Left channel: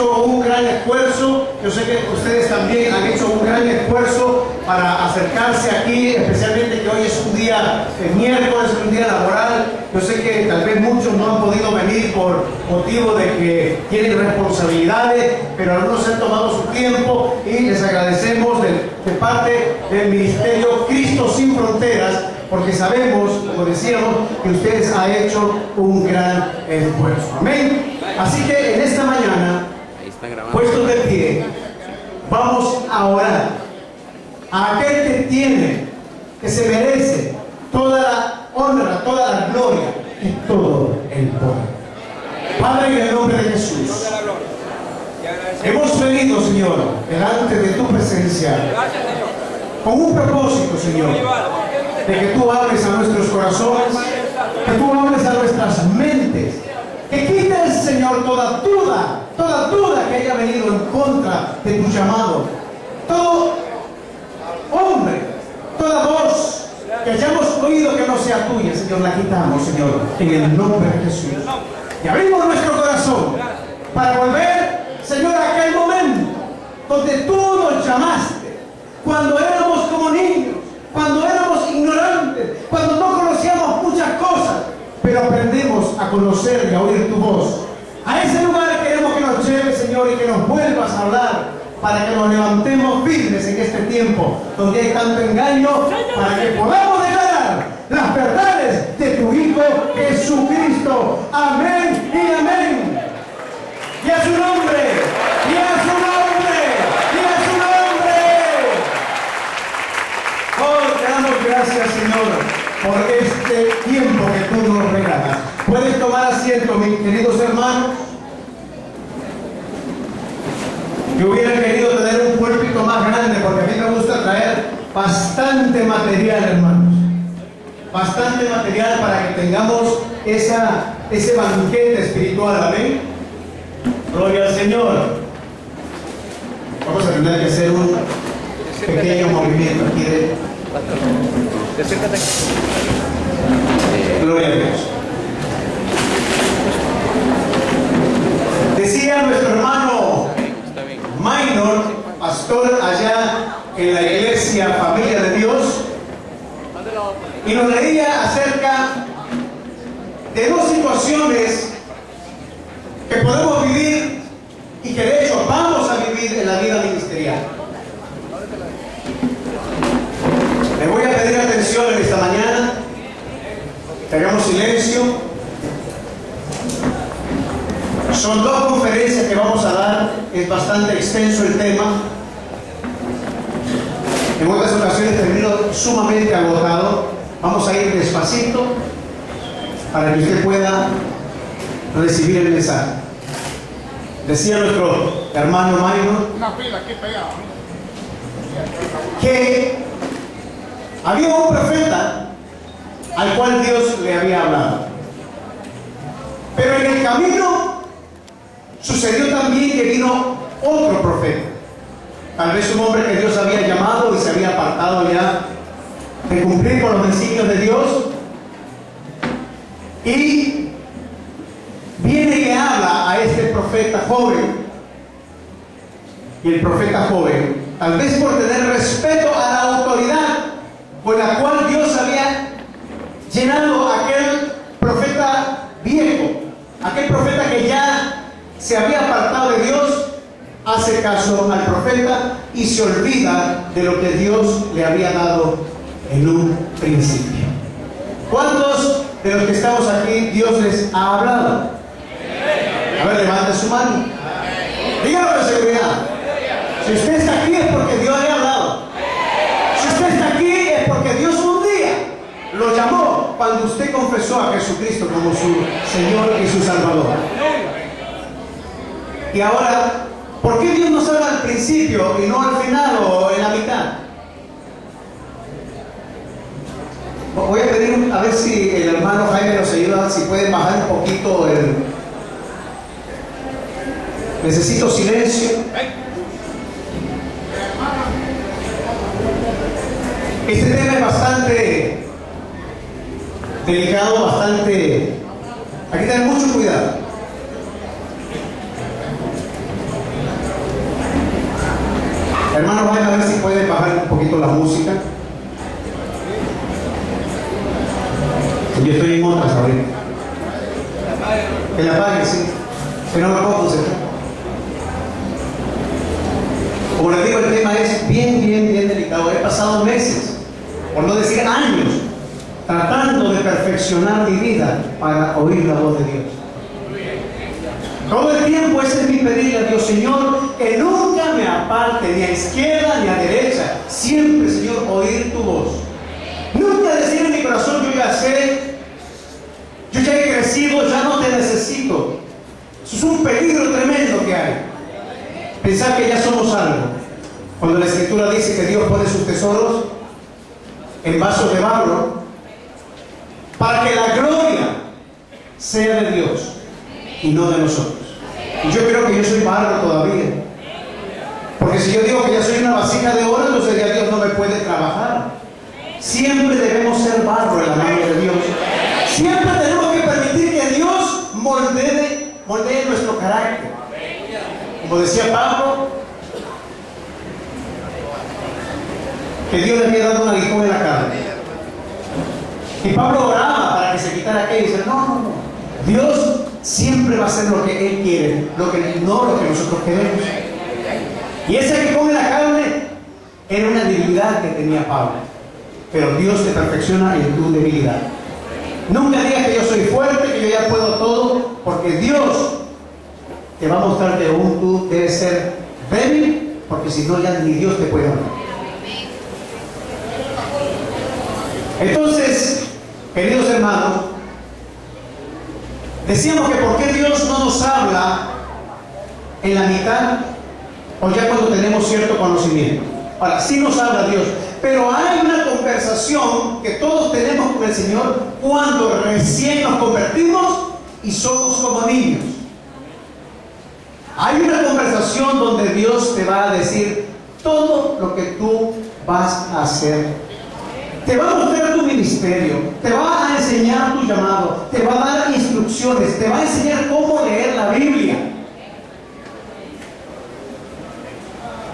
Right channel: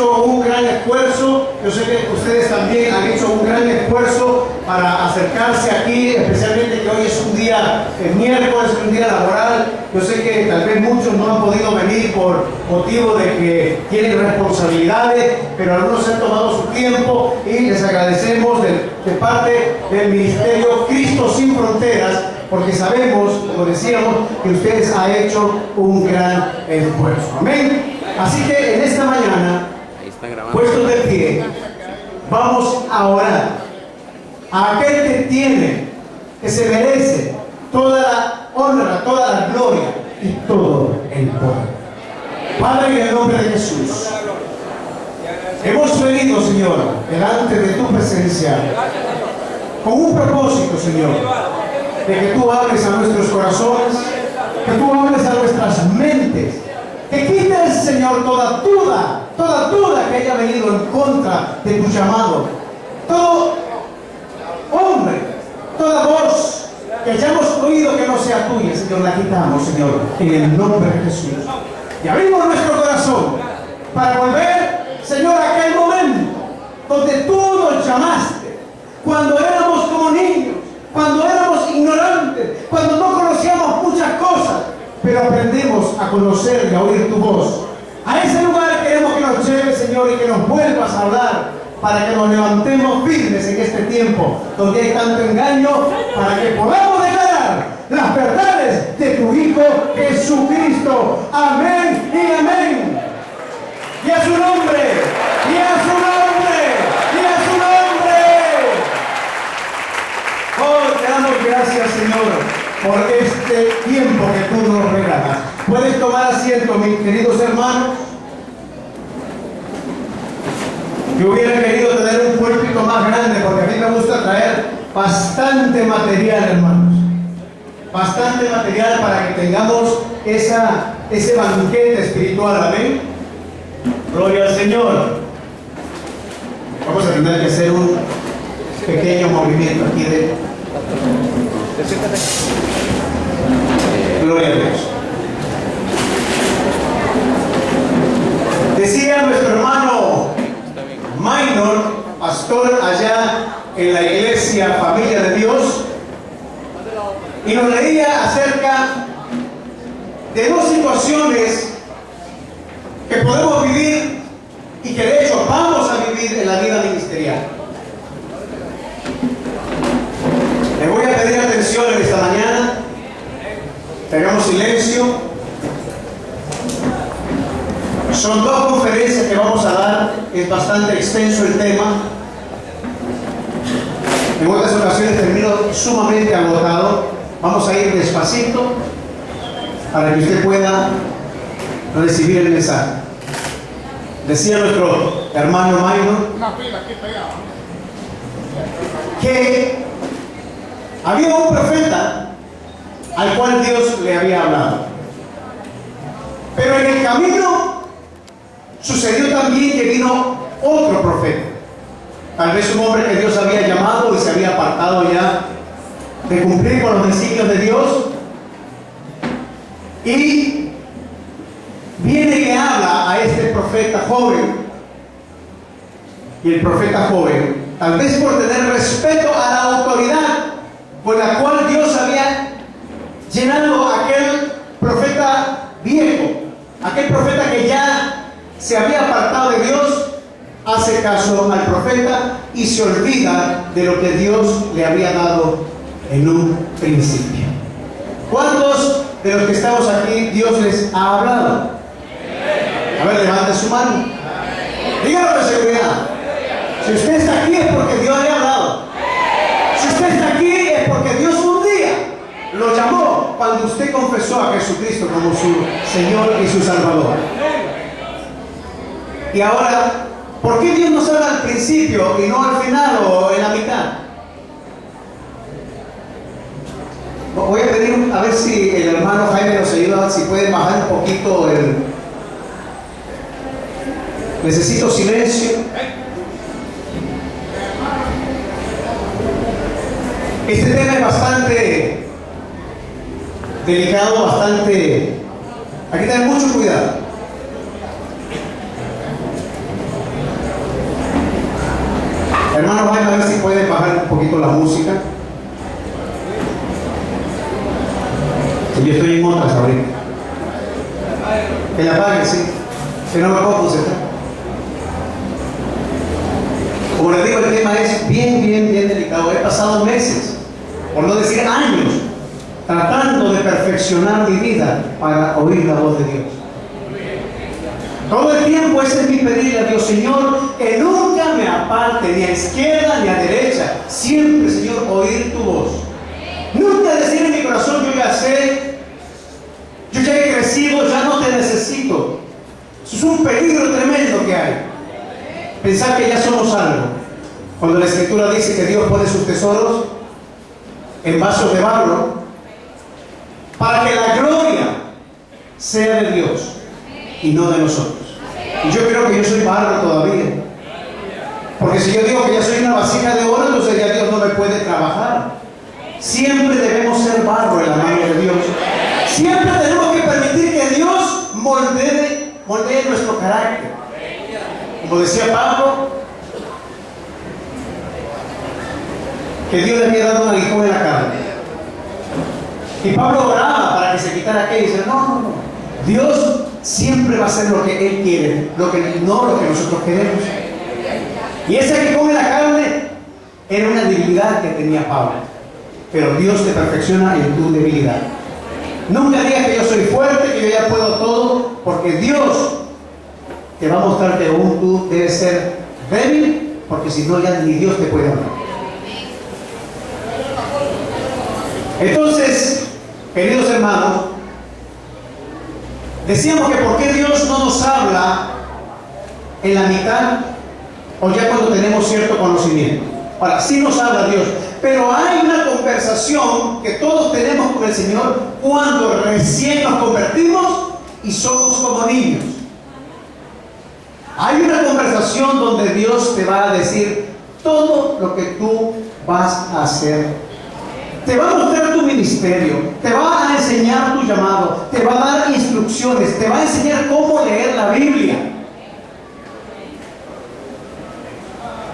hecho un gran esfuerzo. Yo sé que ustedes también han hecho un gran esfuerzo para acercarse aquí, especialmente que hoy es un día miércoles, un día laboral. Yo sé que tal vez muchos no han podido venir por motivo de que tienen responsabilidades, pero algunos han tomado su tiempo y les agradecemos de parte del Ministerio Cristo Sin Fronteras, porque sabemos, como decíamos, que ustedes han hecho un gran esfuerzo. Amén. Así que en esta mañana, puestos de pie, vamos a orar a aquel que tiene, que se merece toda la honra, toda la gloria y todo el poder. Padre, en el nombre de Jesús, hemos venido, Señor, delante de tu presencia con un propósito, Señor, de que tú hables a nuestros corazones, que tú hables a nuestras mentes, que quites, Señor, toda duda que haya venido en contra de tu llamado. Todo hombre, toda voz que hayamos oído que no sea tuya, Señor, la quitamos, Señor, en el nombre de Jesús. Y abrimos nuestro corazón para volver, Señor, a aquel momento donde tú nos llamaste, cuando éramos como niños, cuando éramos ignorantes, cuando no conocíamos muchas cosas, pero aprendemos a conocer y a oír tu voz. A ese lugar queremos que nos lleves, Señor, y que nos vuelvas a hablar, para que nos levantemos firmes en este tiempo donde hay tanto engaño, para que podamos declarar las verdades de tu Hijo Jesucristo. Amén y amén. Y a su nombre, y a su nombre, y a su nombre. Oh, te damos gracias, Señor, por este tiempo que tú nos regalas. Puedes tomar asiento, mis queridos hermanos. Yo hubiera querido tener un púlpito más grande, porque a mí me gusta traer bastante material, hermanos. Bastante material para que tengamos ese banquete espiritual. Amén. Gloria al Señor. Vamos a tener que hacer un pequeño movimiento aquí de... Gloria a Dios. Decía nuestro hermano Minor, pastor allá en la iglesia Familia de Dios, y nos leía acerca de dos situaciones que podemos vivir y que de hecho vamos a vivir en la vida ministerial. Les voy a pedir atención en esta mañana, tengamos silencio. Son dos conferencias que vamos a dar, es bastante extenso el tema. En otras ocasiones termino sumamente agotado. Vamos a ir despacito para que usted pueda recibir el mensaje. Decía nuestro hermano Minor que había un profeta al cual Dios le había hablado, pero en el camino sucedió también que vino otro profeta, tal vez un hombre que Dios había llamado y se había apartado ya de cumplir con los designios de Dios, y viene y le habla a este profeta joven. Y el profeta joven, tal vez por tener respeto a la autoridad con la cual Dios había llenado a aquel profeta viejo, aquel profeta que ya se había apartado de Dios, hace caso al profeta y se olvida de lo que Dios le había dado en un principio. ¿Cuántos de los que estamos aquí Dios les ha hablado? A ver, levante su mano. Dígalo con seguridad. Si usted está aquí es porque Dios le ha hablado. Si usted está aquí es porque Dios un día lo llamó cuando usted confesó a Jesucristo como su Señor y su Salvador. Y ahora, ¿por qué Dios nos habla al principio y no al final o en la mitad? Voy a pedir a ver si el hermano Jaime nos ayuda, si puede bajar un poquito el... Necesito silencio. Este tema es bastante delicado, bastante... Hay que tener mucho cuidado. Hermanos, vayan a ver si pueden bajar un poquito la música. Yo estoy en otras ahorita. Que la apaguen, sí. Que no me puedo concentrar. Como les digo, el tema es bien delicado. He pasado meses, por no decir años, tratando de perfeccionar mi vida para oír la voz de Dios. Todo el tiempo ese es mi pedirle a Dios, Señor, que nunca me aparte ni a izquierda ni a derecha. Siempre, Señor, oír tu voz. Nunca decir en mi corazón, yo ya sé, yo ya he crecido, ya no te necesito. Eso es un peligro tremendo que hay. Pensar que ya somos algo. Cuando la Escritura dice que Dios pone sus tesoros en vasos de barro, para que la gloria sea de Dios y no de nosotros. Y yo creo que yo soy barro todavía. Porque si yo digo que ya soy una vasija de oro, entonces ya Dios no me puede trabajar. Siempre debemos ser barro en la mano de Dios. Siempre tenemos que permitir que Dios moldee nuestro carácter. Como decía Pablo, que Dios le había dado un aguijón en la carne. Y Pablo oraba para que se quitara aquello y dice, no. Dios siempre va a hacer lo que Él quiere, no lo que nosotros queremos. Y ese aguijón en la carne era una debilidad que tenía Pablo. Pero Dios te perfecciona en tu debilidad. Nunca digas que yo soy fuerte, que yo ya puedo todo, porque Dios te va a mostrar que aún tú debes ser débil, porque si no ya ni Dios te puede hablar. Entonces, queridos hermanos, decíamos que por qué Dios no nos habla en la mitad o ya cuando tenemos cierto conocimiento. Ahora, sí nos habla Dios, pero hay una conversación que todos tenemos con el Señor cuando recién nos convertimos y somos como niños. Hay una conversación donde Dios te va a decir todo lo que tú vas a hacer. Te va a mostrar tu ministerio, te va a enseñar tu llamado, te va a dar instrucciones, te va a enseñar cómo leer la Biblia.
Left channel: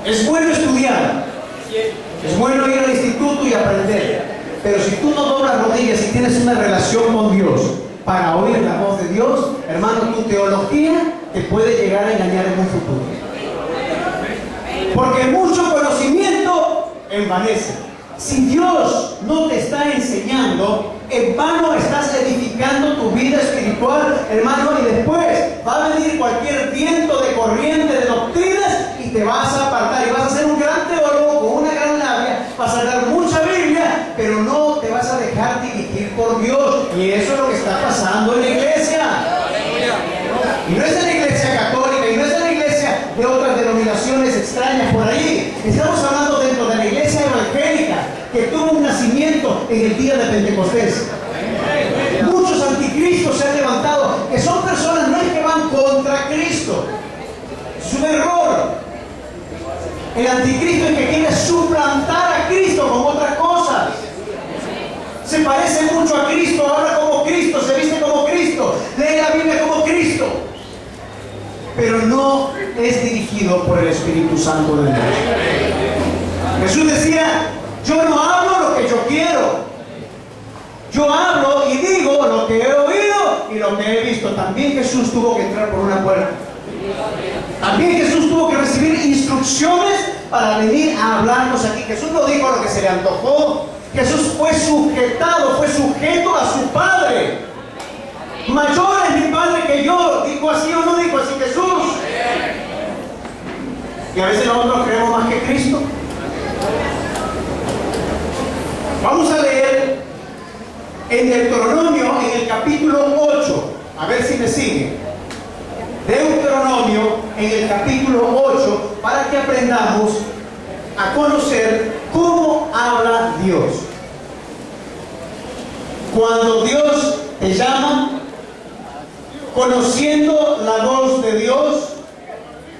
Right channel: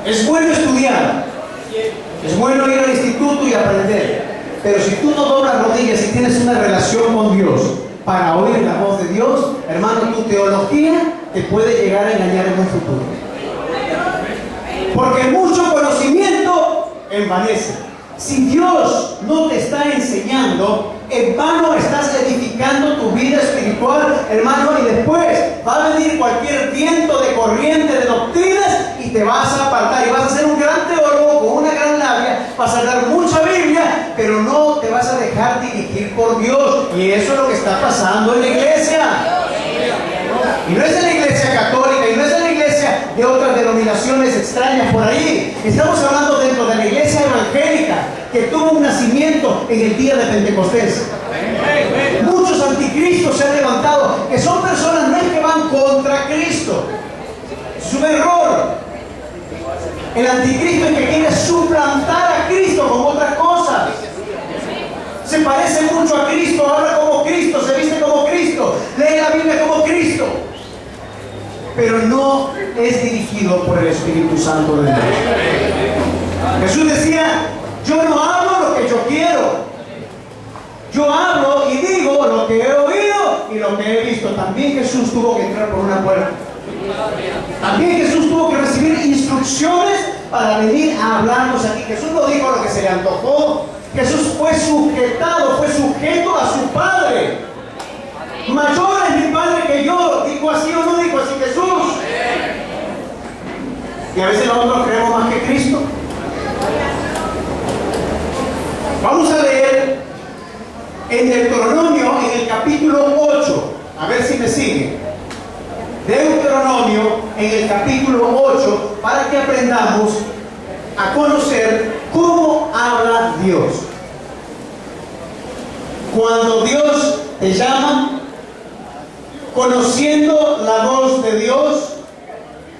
Es bueno estudiar, es bueno ir al instituto y aprender, pero si tú no doblas rodillas y tienes una relación con Dios para oír la voz de Dios, hermano, tu teología te puede llegar a engañar en un futuro. Porque mucho conocimiento envanece. Si Dios no te está enseñando, en vano estás edificando tu vida espiritual, hermano, y después va a venir cualquier viento de corriente de doctrinas y te vas a apartar y vas a ser un gran teólogo con una gran labia, vas a hablar mucha Biblia, pero no te vas a dejar dirigir por Dios. Y eso es lo que está pasando en la iglesia. Y no es en la iglesia católica, y no es en la iglesia de otras denominaciones extrañas por ahí. Estamos hablando dentro de la iglesia evangélica, que tuvo un nacimiento en el día de Pentecostés. Muchos anticristos se han levantado, que son personas no es que van contra Cristo. Es un error. El anticristo es que quiere suplantar a Cristo con otras cosas. Se parece mucho a Cristo, habla como Cristo, se viste como Cristo, lee la Biblia como Cristo, pero no es dirigido por el Espíritu Santo de Dios. Jesús decía, yo no hablo lo que yo quiero, yo hablo y digo lo que he oído y lo que he visto. También Jesús tuvo que entrar por una puerta. También Jesús tuvo que recibir instrucciones para venir a hablarnos aquí. Jesús no dijo lo que se le antojó. Jesús fue sujetado, fue sujeto a su Padre. Mayor es mi Padre que yo. ¿Dijo así o no dijo así Jesús? Y a veces nosotros creemos más que Cristo. Vamos a leer en Deuteronomio, en el capítulo 8. A ver si me sigue. Deuteronomio, en el capítulo 8, para que aprendamos a conocer cómo habla Dios. Cuando Dios te llama, conociendo la voz de Dios,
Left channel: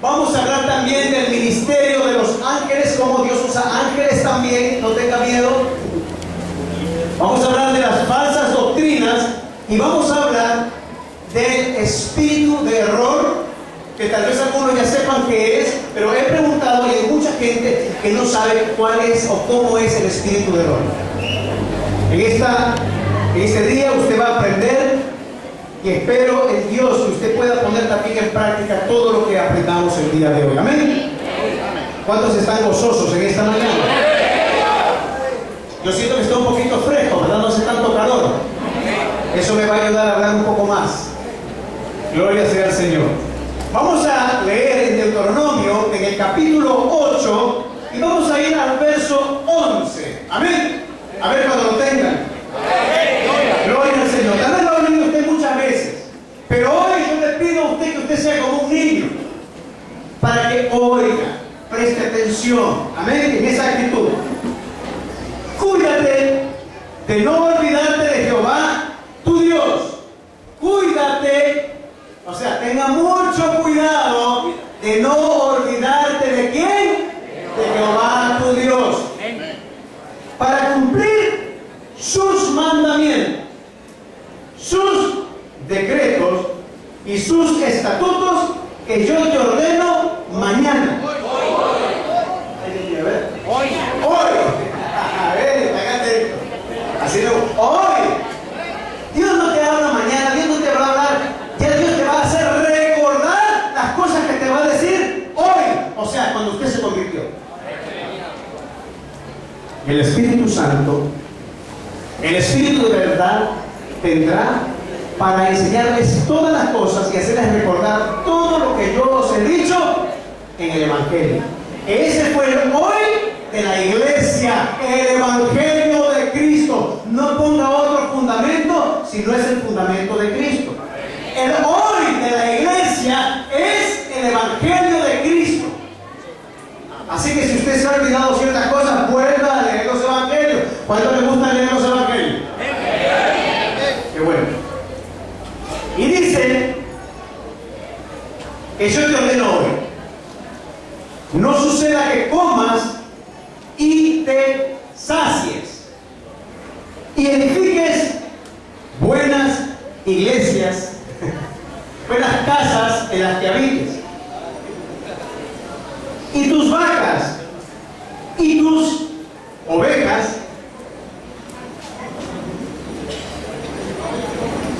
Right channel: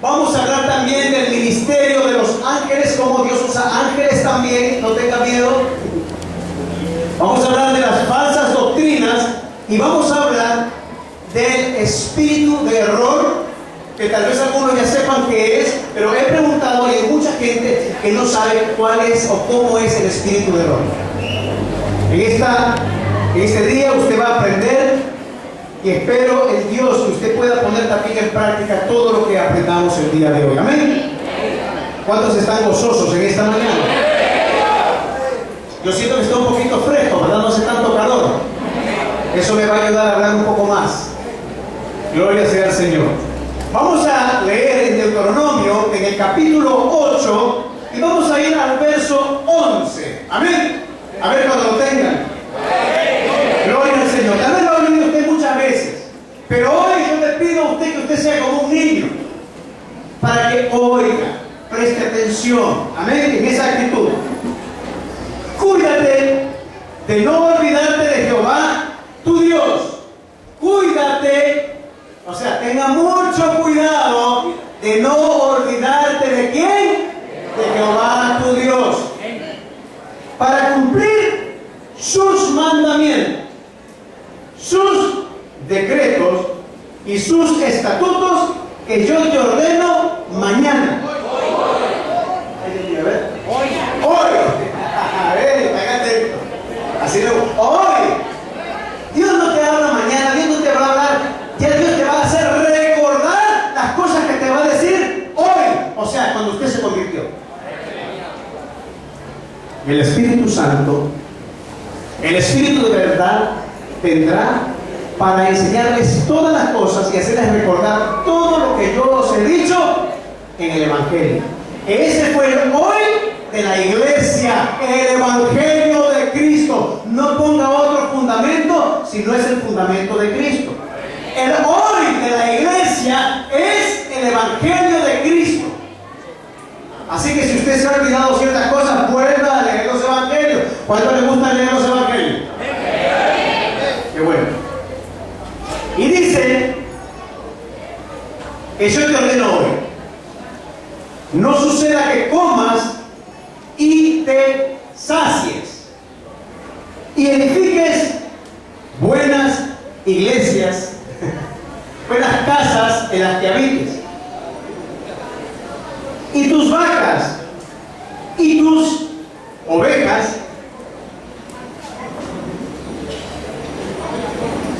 vamos a hablar también del ministerio de los ángeles, cómo Dios usa ángeles también, no tenga miedo. Vamos a hablar de las falsas doctrinas y vamos a hablar del espíritu de error que tal vez algunos ya sepan qué es, pero he preguntado y hay mucha gente que no sabe cuál es o cómo es el espíritu del hombre. En este día usted va a aprender y espero en Dios que usted pueda poner también en práctica todo lo que aprendamos el día de hoy. Amén. ¿Cuántos están gozosos en esta mañana? Yo siento que está un poquito fresco, ¿verdad? No hace tanto calor. Eso me va a ayudar a hablar un poco más. Gloria sea al Señor. Vamos a leer en Deuteronomio, en el capítulo 8, y vamos a ir al verso 11. Amén. A ver cuando lo tengan. Gloria al Señor. Tal vez lo ha oído usted muchas veces, pero hoy yo le pido a usted que usted sea como un niño, para que oiga, preste atención. Amén. En esa actitud. Cuídate de no olvidarte de Jehová, tu Dios. Cuídate. O sea, tenga mucho cuidado de no olvidarte de quién, de Jehová tu Dios, para cumplir sus mandamientos, sus decretos y sus estatutos que yo te ordeno mañana. Hoy. A ver, hágate. Así lo. Hoy. Dios no te habla mañana, Dios no te va a hablar. Ya Dios te va a hacer recordar las cosas que te va a decir hoy. O sea, cuando usted se convirtió. El Espíritu Santo, el Espíritu de verdad, vendrá para enseñarles todas las cosas y hacerles recordar todo lo que yo os he dicho en el Evangelio. Ese fue el hoy de la iglesia, el Evangelio de Cristo. No ponga otro fundamento si no es el fundamento de Cristo. El hoy de la iglesia es el Evangelio de Cristo. Así que si usted se ha olvidado ciertas cosas, vuelva a leer los Evangelios. ¿Cuánto le gusta leer los Evangelios? Qué bueno. Y dice que yo te ordeno hoy: no suceda que comas y te sacies y edifiques buenas iglesias, buenas casas en las que habites, y tus vacas y tus ovejas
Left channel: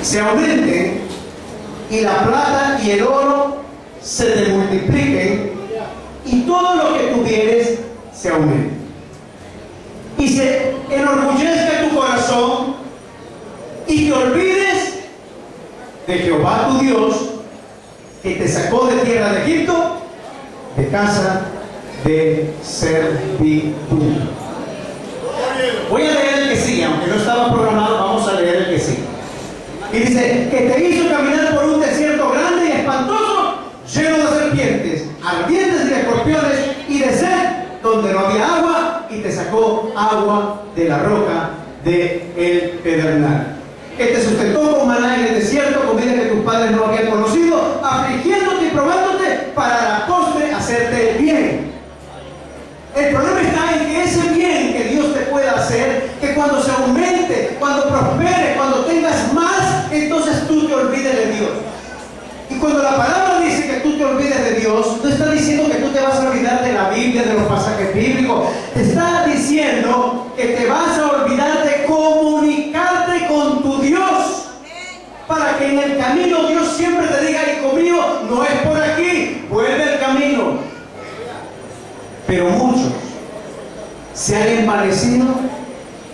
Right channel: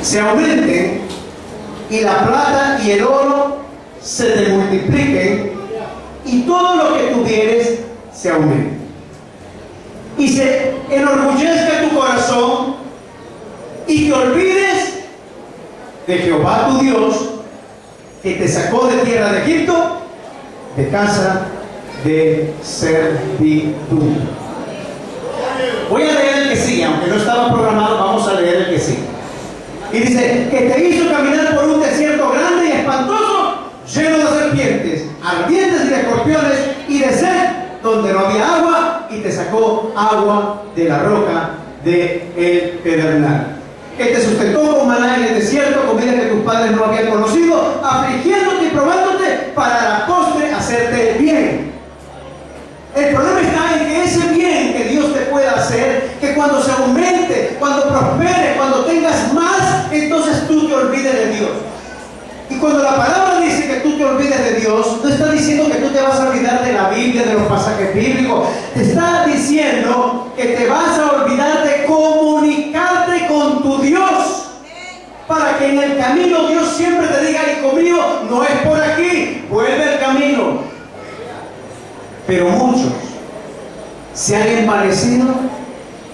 se aumenten, y la plata y el oro se te multipliquen, y todo lo que tuvieres se aumente, y se enorgullezca tu corazón, y te olvides de Jehová tu Dios, que te sacó de tierra de Egipto, de casa de servidumbre. Voy a leer el que sigue, aunque no estaba programado, vamos a leer el que sigue. Y dice: que te hizo caminar por un desierto grande y espantoso, lleno de serpientes, ardientes y de escorpiones, y de sed, donde no había agua, y te sacó agua de la roca de el pedernal. Que te sustentó con maná en el desierto, comida que tus padres no habían conocido, afligiéndote y probándote, para la postre hacerte el bien. El problema está en que ese bien que Dios te pueda hacer, que cuando se aumente, cuando prospere, cuando tengas más, entonces tú te olvides de Dios. Y cuando la palabra dice que tú te olvides de Dios, no está diciendo que tú te vas a olvidar de la Biblia, de los pasajes bíblicos. Te está diciendo que te vas a olvidar de comunicarte con tu Dios, para que en el camino Dios siempre te diga: hijo mío, no es por aquí, vuelve al camino. Pero muchos se han envanecido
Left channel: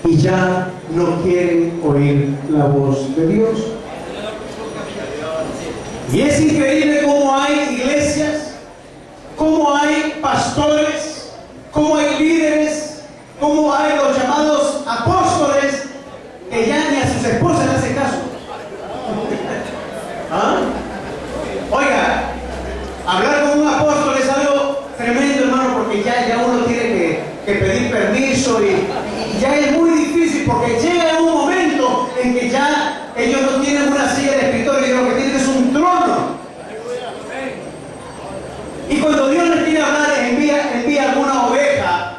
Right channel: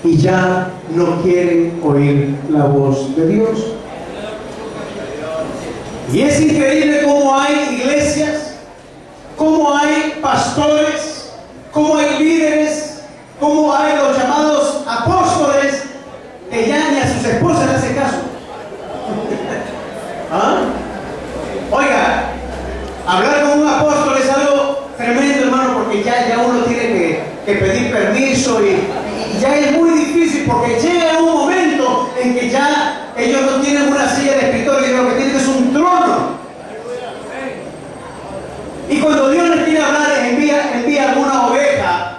y ya no quieren oír la voz de Dios. Y es increíble cómo hay iglesias, cómo hay pastores, cómo hay líderes, cómo hay los llamados apóstoles, que ya ni a sus esposas le hacen caso. ¿Ah? Oiga, hablar con un apóstol es algo tremendo, hermano, porque ya uno tiene que pedir permiso y ya es muy difícil, porque llega un momento en que ya ellos no tienen una silla de escritorio, y lo que tienen es un trono. Y cuando Dios les quiere hablar, envía alguna oveja.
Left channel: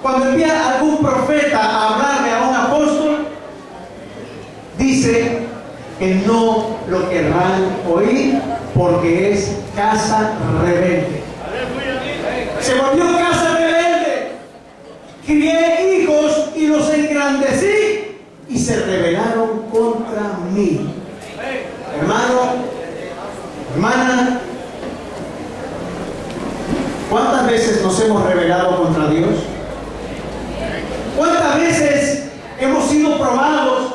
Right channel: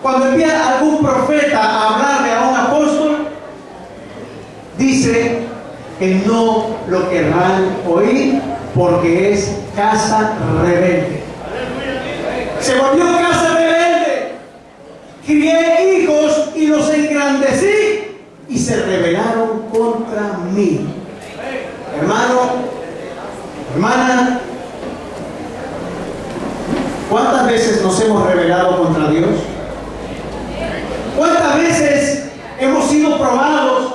Cuando envía algún profeta a hablarle a un apóstol, dice que no lo querrán oír, porque es casa rebelde. Se volvió casa rebelde. Crié hijos y los engrandecí y se rebelaron contra mí. Hermano, hermana, ¿cuántas veces nos hemos rebelado contra Dios? ¿Cuántas veces hemos sido probados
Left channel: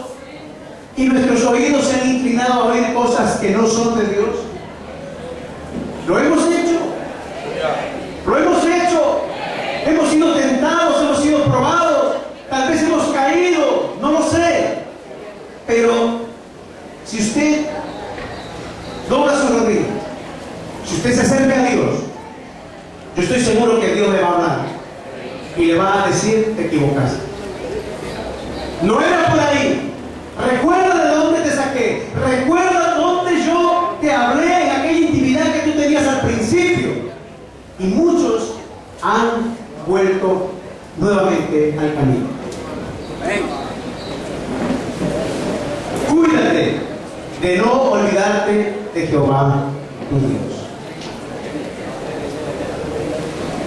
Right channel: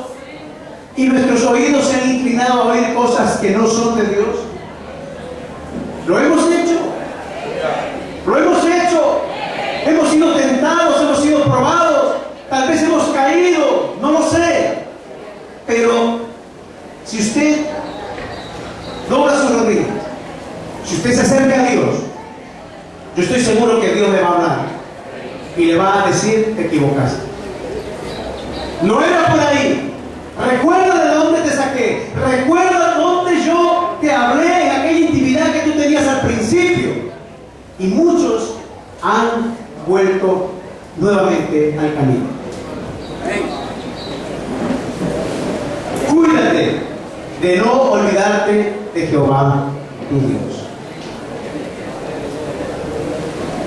y nuestros oídos se han inclinado a oír cosas que no son de Dios? Lo hemos hecho. Lo hemos hecho. Hemos sido tentados, hemos sido probados. Tal vez hemos caído, no lo sé. Pero si usted dobla su rodilla, si usted se acerca a Dios, yo estoy seguro que Dios le va a hablar y le va a decir: te equivocaste. No era por ahí. Recuerda de dónde te saqué. Recuerda dónde yo te hablé, en aquella intimidad que tú tenías al principio. Y muchos han vuelto nuevamente al camino. Cuídate de no olvidarte de Jehová tu Dios.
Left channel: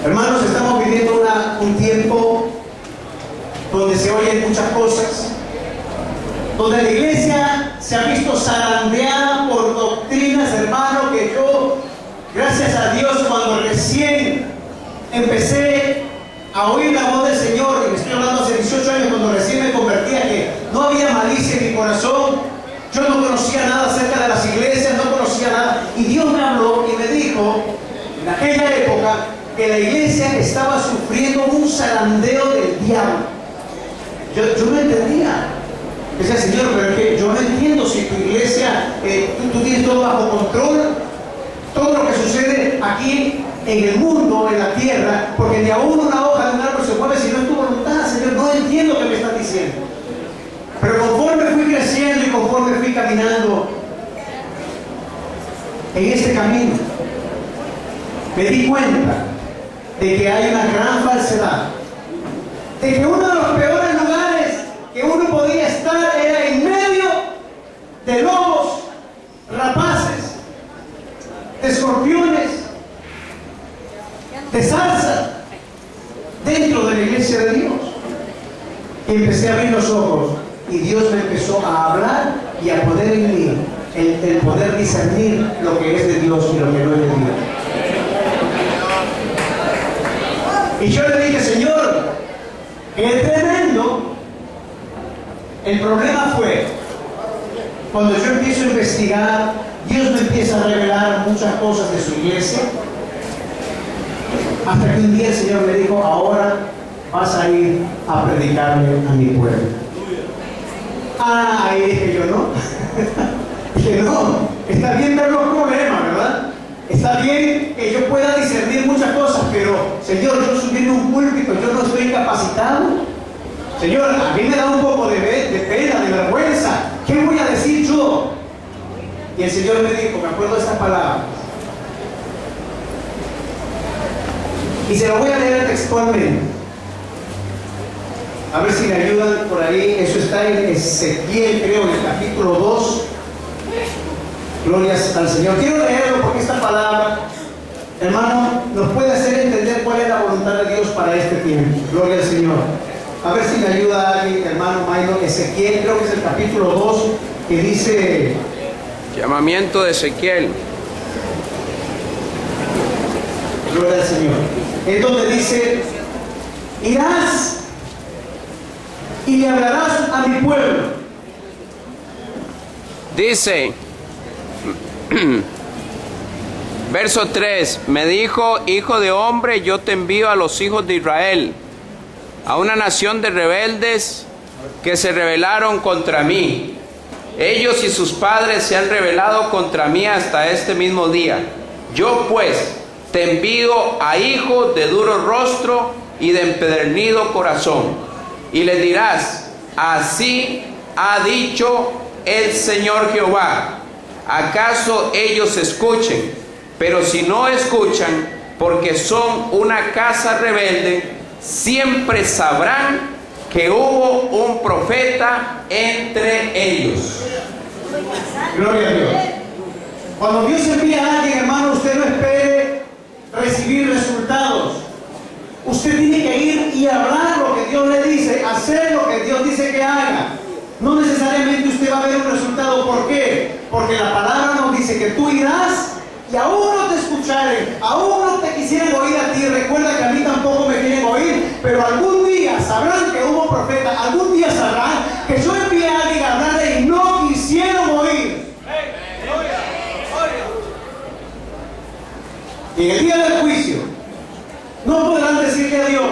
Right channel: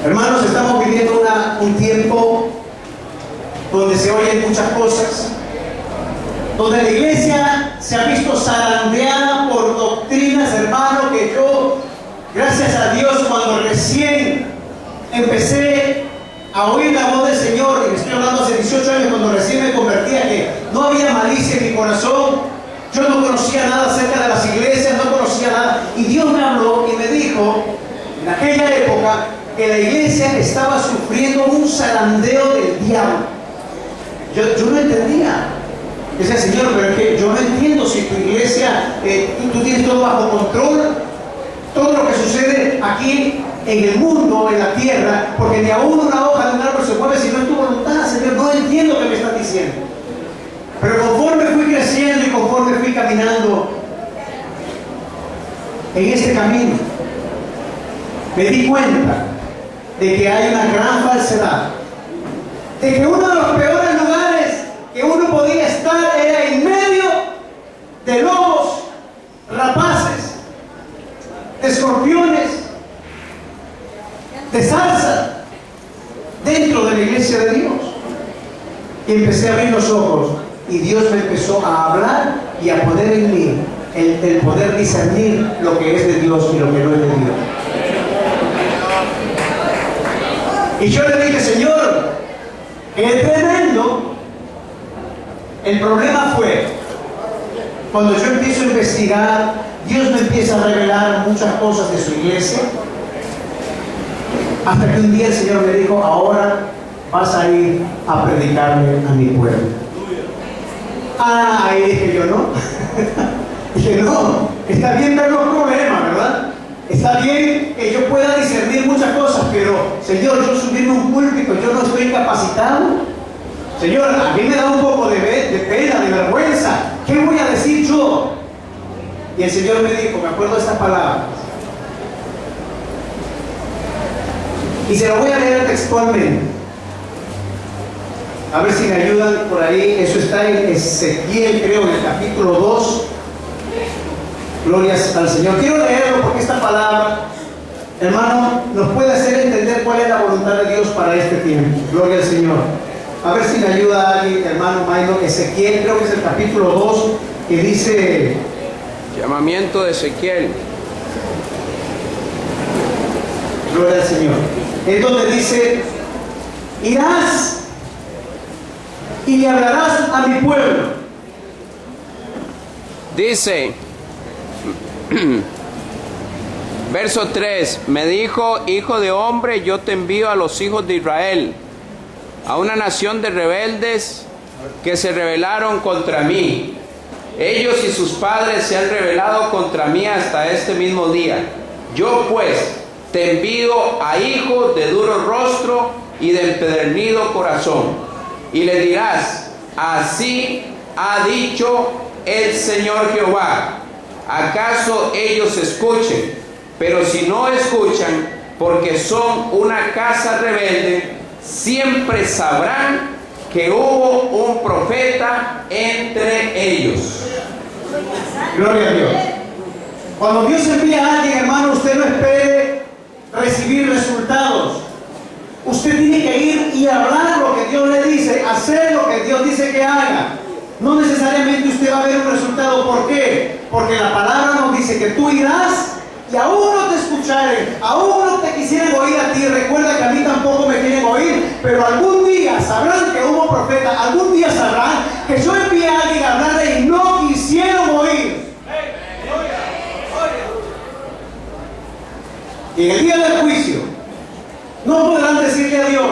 Hermanos, estamos viviendo un tiempo donde se oyen muchas cosas, donde la iglesia se ha visto zarandeada por doctrinas, hermano, que yo, gracias a Dios, cuando recién empecé a oír la voz del Señor, y estoy hablando hace 18 años, cuando recién me convertía, que no había malicia en mi corazón, yo no conocía nada acerca de las iglesias, no conocía nada, y Dios me habló y me dijo, en aquella época, que la iglesia estaba sufriendo un zarandeo del diablo. Yo no entendía. Decía: Señor, pero es que yo no entiendo si tu iglesia, tú tienes todo bajo control, todo lo que sucede aquí en el mundo, en la tierra, porque ni aún una hoja de un árbol se mueve si no es tu voluntad. Señor, no entiendo lo que me estás diciendo. Pero conforme fui creciendo y conforme fui caminando en este camino, me di cuenta de que hay una gran falsedad, de que uno de los peores lugares que uno podía estar era en medio de lobos, rapaces, de escorpiones, de zarza, dentro de la iglesia de Dios. Y empecé a abrir los ojos y Dios me empezó a hablar y a poner en mí el poder discernir lo que es de Dios y lo que no es de Dios. Y yo le dije: Señor, qué tremendo. El problema fue cuando yo empiezo a investigar, Dios me empieza a revelar muchas cosas de su iglesia, hasta que un día el Señor me dijo: ahora vas a ir a predicarle a mi pueblo. Ahí dije yo: no. Dije: no, está bien ver los problemas, ¿verdad? Está bien que yo pueda discernir muchas cosas, pero Señor, yo subirme a un púlpito, yo no estoy capacitado. Señor, a mí me da un poco de pena, de vergüenza. ¿Qué voy a decir yo? Y el Señor me dijo, me acuerdo de estas palabras, y se lo voy a leer textualmente. A ver si me ayudan por ahí. Eso está en Ezequiel, creo, en el capítulo 2. Glorias al Señor. Quiero leerlo porque esta palabra, hermano, nos puede hacer entender cuál es la voluntad de Dios para este tiempo. Gloria al Señor. A ver si me ayuda alguien, hermano Maino. Ezequiel, creo que es el capítulo 2, que dice... Llamamiento de Ezequiel. Gloria al Señor. Es donde dice: irás y le hablarás a mi pueblo. Dice, verso 3, me dijo: hijo de hombre, yo te envío a los hijos de Israel, a una nación de rebeldes que se rebelaron contra mí. Ellos y sus padres se han rebelado contra mí hasta este mismo día. Yo pues te envío a hijos de duro rostro y de empedernido corazón. Y le dirás: así ha dicho el Señor Jehová. ¿Acaso ellos escuchen? Pero si no escuchan, porque son una casa rebelde, siempre sabrán que hubo un profeta entre ellos. Gloria a Dios. Cuando Dios envía a alguien, hermano, usted no espere recibir resultados. Usted tiene que ir y hablar lo que Dios le dice, hacer lo que Dios dice que haga. No necesariamente usted va a ver un resultado. ¿Por qué? Porque la palabra nos dice que tú irás y aún no te escucharen, aún no te quisieran oír a ti. Recuerda que a mí tampoco me quieren oír, pero algún día sabrán que hubo profeta, algún día sabrán que yo envié a alguien a hablarle y no quisieron oír. Y en el día del juicio no podrán decirle a Dios:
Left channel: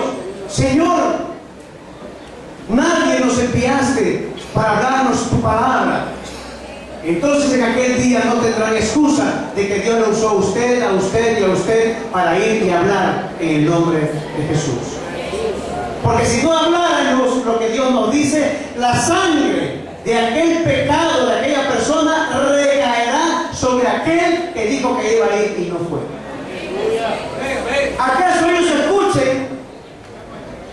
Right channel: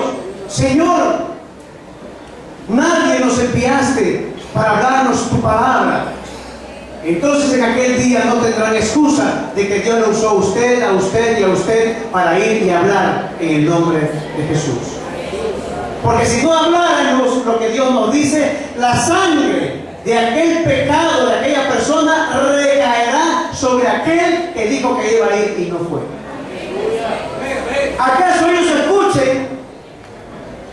Señor, nadie nos enviaste para hablarnos tu palabra. Entonces en aquel día no tendrán excusa de que Dios lo usó a usted y a usted para ir y hablar en el nombre de Jesús. Porque si no habláramos lo que Dios nos dice, la sangre de aquel pecado de aquella persona recaerá sobre aquel que dijo que iba a ir y no fue. ¿Acaso ellos escuchen?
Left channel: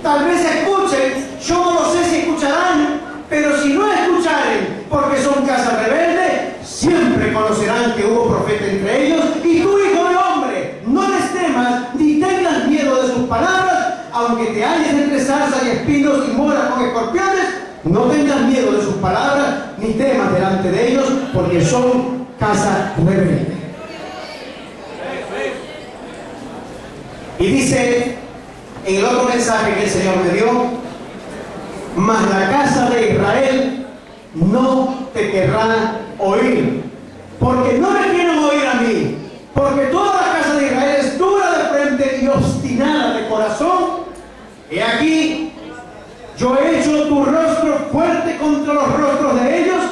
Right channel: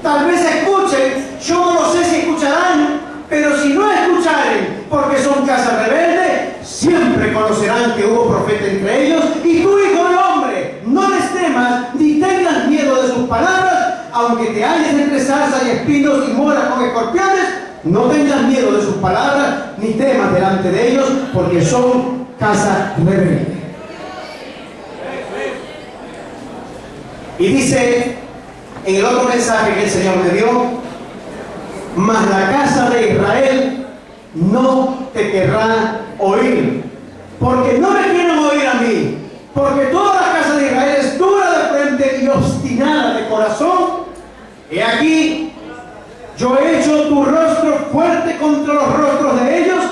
Tal vez escuchen, yo no lo sé si escucharán, pero si no escucharen, porque son casa rebelde, siempre conocerán que hubo profeta entre ellos. Y tú, hijo de hombre, no les temas ni tengas miedo de sus palabras, aunque te halles entre zarzas y espinos y moras con escorpiones, no tengas miedo de sus palabras, ni temas delante de ellos, porque son casa rebelde. Y dice en el otro mensaje que el Señor me dio: mas la casa de Israel no te querrá oír, porque no me quieren oír a mí, porque toda la casa de Israel es dura de frente y obstinada de corazón. He aquí, yo he hecho tu rostro fuerte contra los rostros de ellos,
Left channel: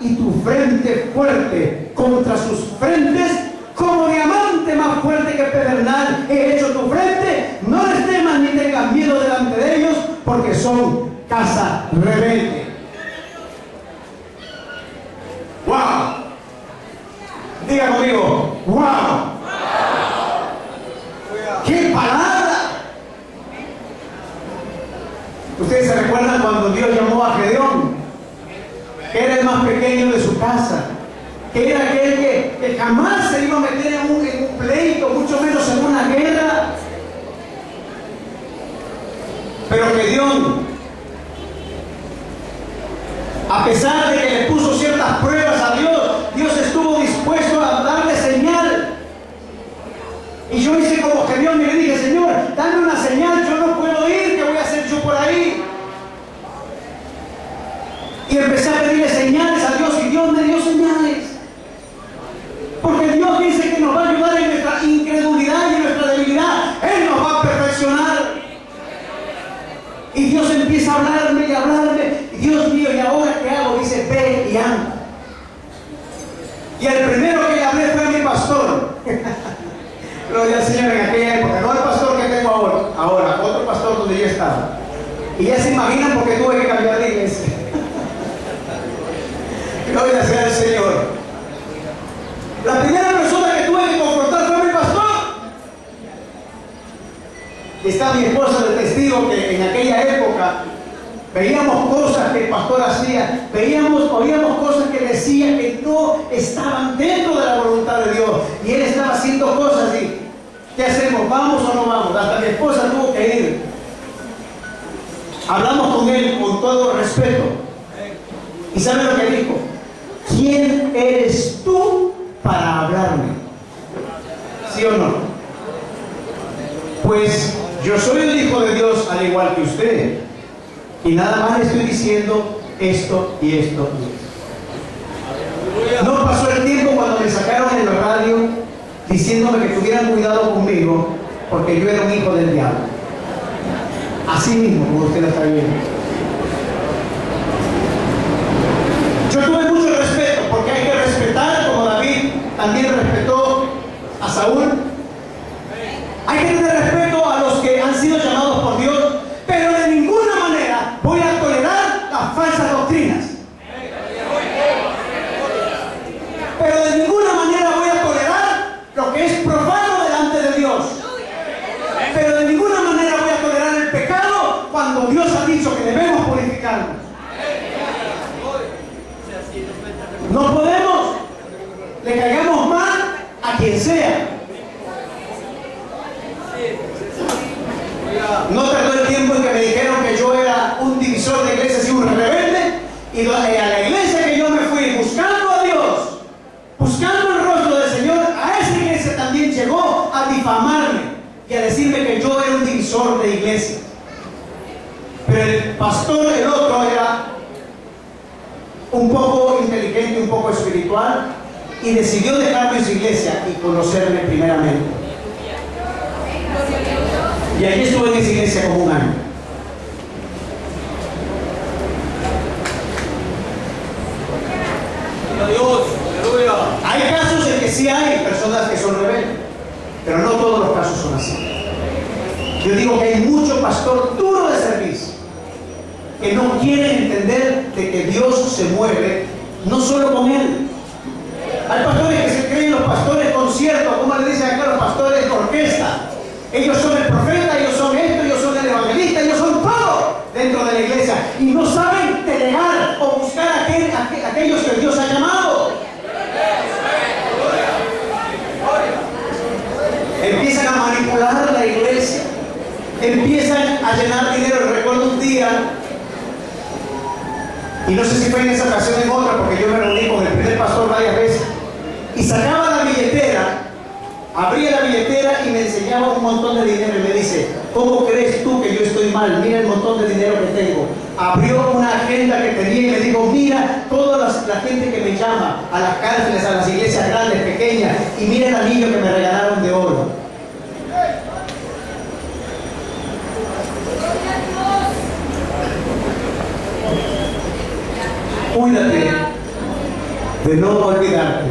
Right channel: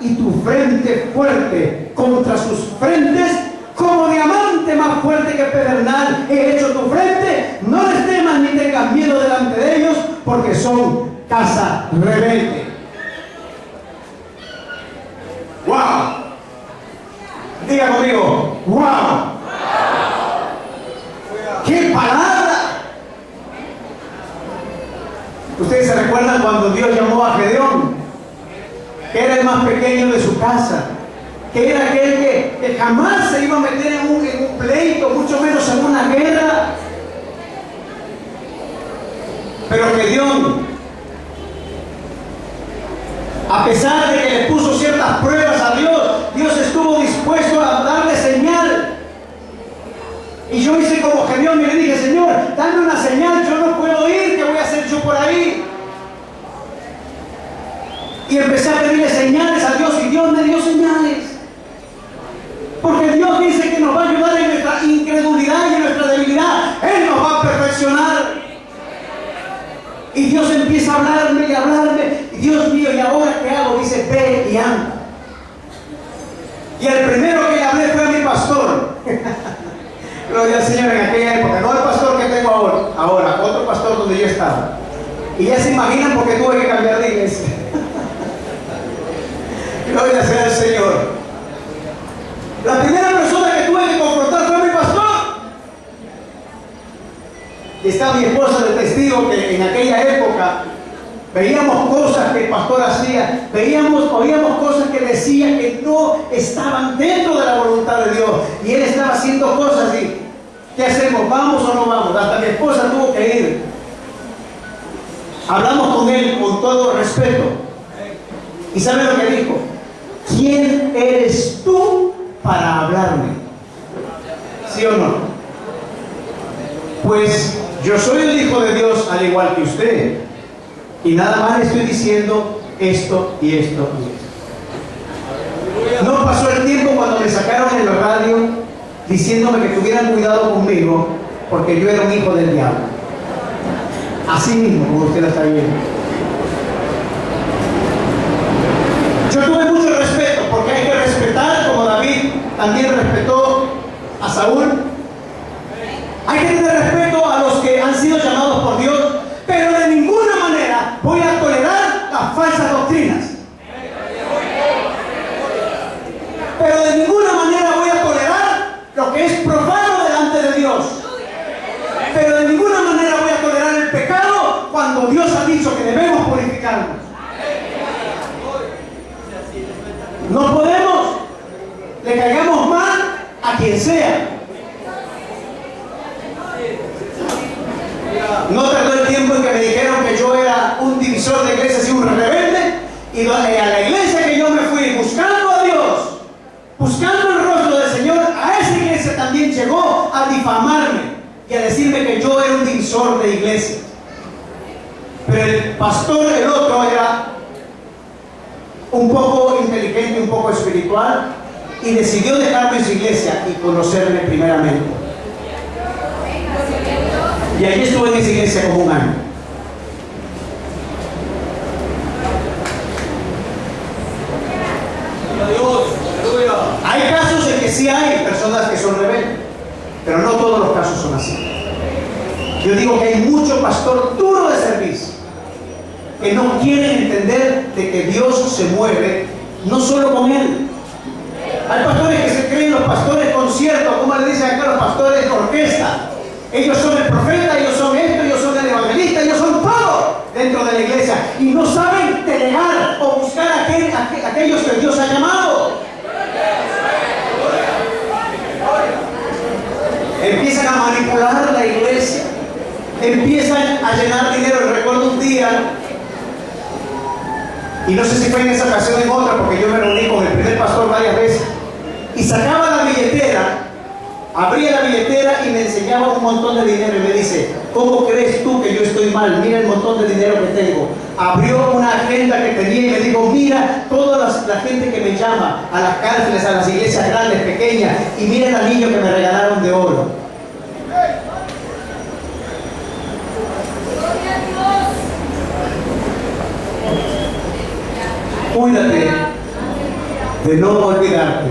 y tu frente fuerte contra sus frentes, como diamante más fuerte que pedernal he hecho tu frente. No les temas ni tengas miedo delante de ellos, porque son casa rebelde. ¡Wow! Diga conmigo: ¡wow! ¡Qué palabra! Ustedes se recuerdan cuando Dios llamó a Gedeón, que era el más pequeño de su casa, que era aquel que jamás se iba a meter en un pleito, mucho menos en una guerra. Pero Gedeón, a pesar de que le puso ciertas pruebas a Dios, Dios estuvo dispuesto a darle señal. Y yo hice como Gedeón y le dije: Señor, dame una señal, yo no puedo ir, ¿qué voy a hacer yo por ahí? Y empecé a pedirle señales a Dios, y Dios me dio señales. Porque Dios dice que nos va a ayudar en nuestra incredulidad y en nuestra debilidad. Él nos va a perfeccionar. Y Dios empieza a hablarme y a hablarme. Y Dios mío, ¿y ahora qué hago? Dice: ve y anda. Y el primero que le hablé fue a mi pastor. Gloria al Señor, en aquella época. No el pastor que tengo ahora, otro pastor donde yo estaba. Y ya se imaginan por qué tuve que cambiar de iglesia. Gloria sea al Señor. La primera persona que tuve que confrontar fue mi pastor. Y está mi esposa de testigo que en aquella época veíamos cosas que el pastor hacía, oíamos cosas que decía que no estaban dentro de la voluntad de Dios. Y él estaba haciendo cosas y ¿qué hacemos? ¿Vamos o no vamos? Hasta mi esposa tuvo que ir. Hablamos con él con todo respeto. ¿Y sabe lo que dijo? ¿Quién eres tú para hablarme? ¿Sí o no? Pues yo soy el Hijo de Dios al igual que usted, y nada más le estoy diciendo esto y esto y esto. No pasó el tiempo cuando me sacaron en la radio diciéndome que tuvieran cuidado conmigo porque yo era un hijo del diablo. Así mismo, como usted lo está viendo. Yo tuve mucho respeto, porque hay que respetar, como David también respetó a Saúl. Hay que tener respeto a los que han sido llamados por Dios, pero de ninguna manera voy a tolerar las falsas doctrinas. Pero de ninguna manera voy a tolerar lo que es profano delante de Dios. Pero de ninguna manera voy a tolerar el pecado cuando Dios ha dicho que debemos purificarnos. No podemos, le caigamos mal quien sea. No tardó el tiempo en que me dijeron que yo era un divisor de iglesias y un rebelde, y a la iglesia que yo me fui buscando a Dios, buscando el rostro del Señor, a esa iglesia también llegó a difamarme y a decirme que yo era un divisor de iglesias. Pero el pastor, el otro, era un poco inteligente, un poco espiritual, y decidió dejarme en su iglesia y conocerme primeramente. Y allí estuve en esa iglesia como un año. Hay casos en que sí hay personas que son rebeldes, pero no todos los casos son así. Yo digo que hay mucho pastor duro de servicio que no quieren entender de que Dios se mueve no solo con él. Hay pastores que se creen los pastores conciertos, como le dicen acá los pastores de orquesta. Ellos son el profeta, ellos son esto, ellos son el evangelista, ellos son todo dentro de la iglesia. Y no saben delegar o buscar a aquellos que Dios ha llamado. Empiezan a manipular la iglesia. Empiezan a llenar dinero. Recuerdo un día, y no sé si fue en esa ocasión o en otra, porque yo me reuní con el primer pastor varias veces, y sacaba la billetera, abría la billetera y me enseñaba un montón de dinero y me dice: ¿cómo crees tú que yo estoy mal? Mira el montón de dinero que tengo. Abrió una agenda que tenía y me dijo: mira toda la gente que me llama a las cárceles, a las iglesias grandes, pequeñas, y mira el anillo que me regalaron de oro. Cuídate de no olvidarte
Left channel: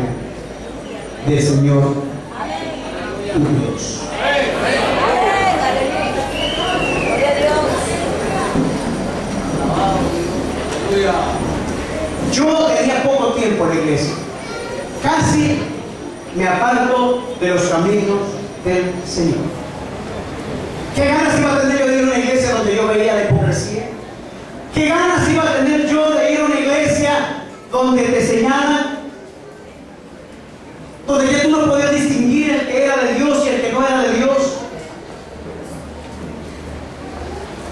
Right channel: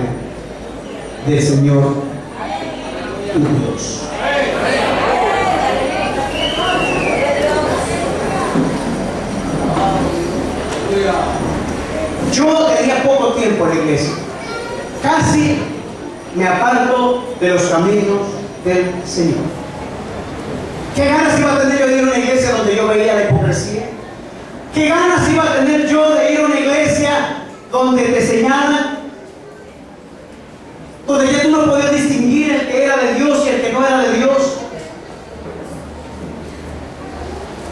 del Señor tu Dios. Yo tenía poco tiempo en la iglesia. Casi me aparto de los caminos del Señor. ¿Qué ganas iba a tener yo de ir a una iglesia donde yo veía la hipocresía? ¿Qué ganas iba a tener yo de ir a una iglesia donde te señalan, donde ya tú no podías distinguir el que era de Dios y el que no era de Dios?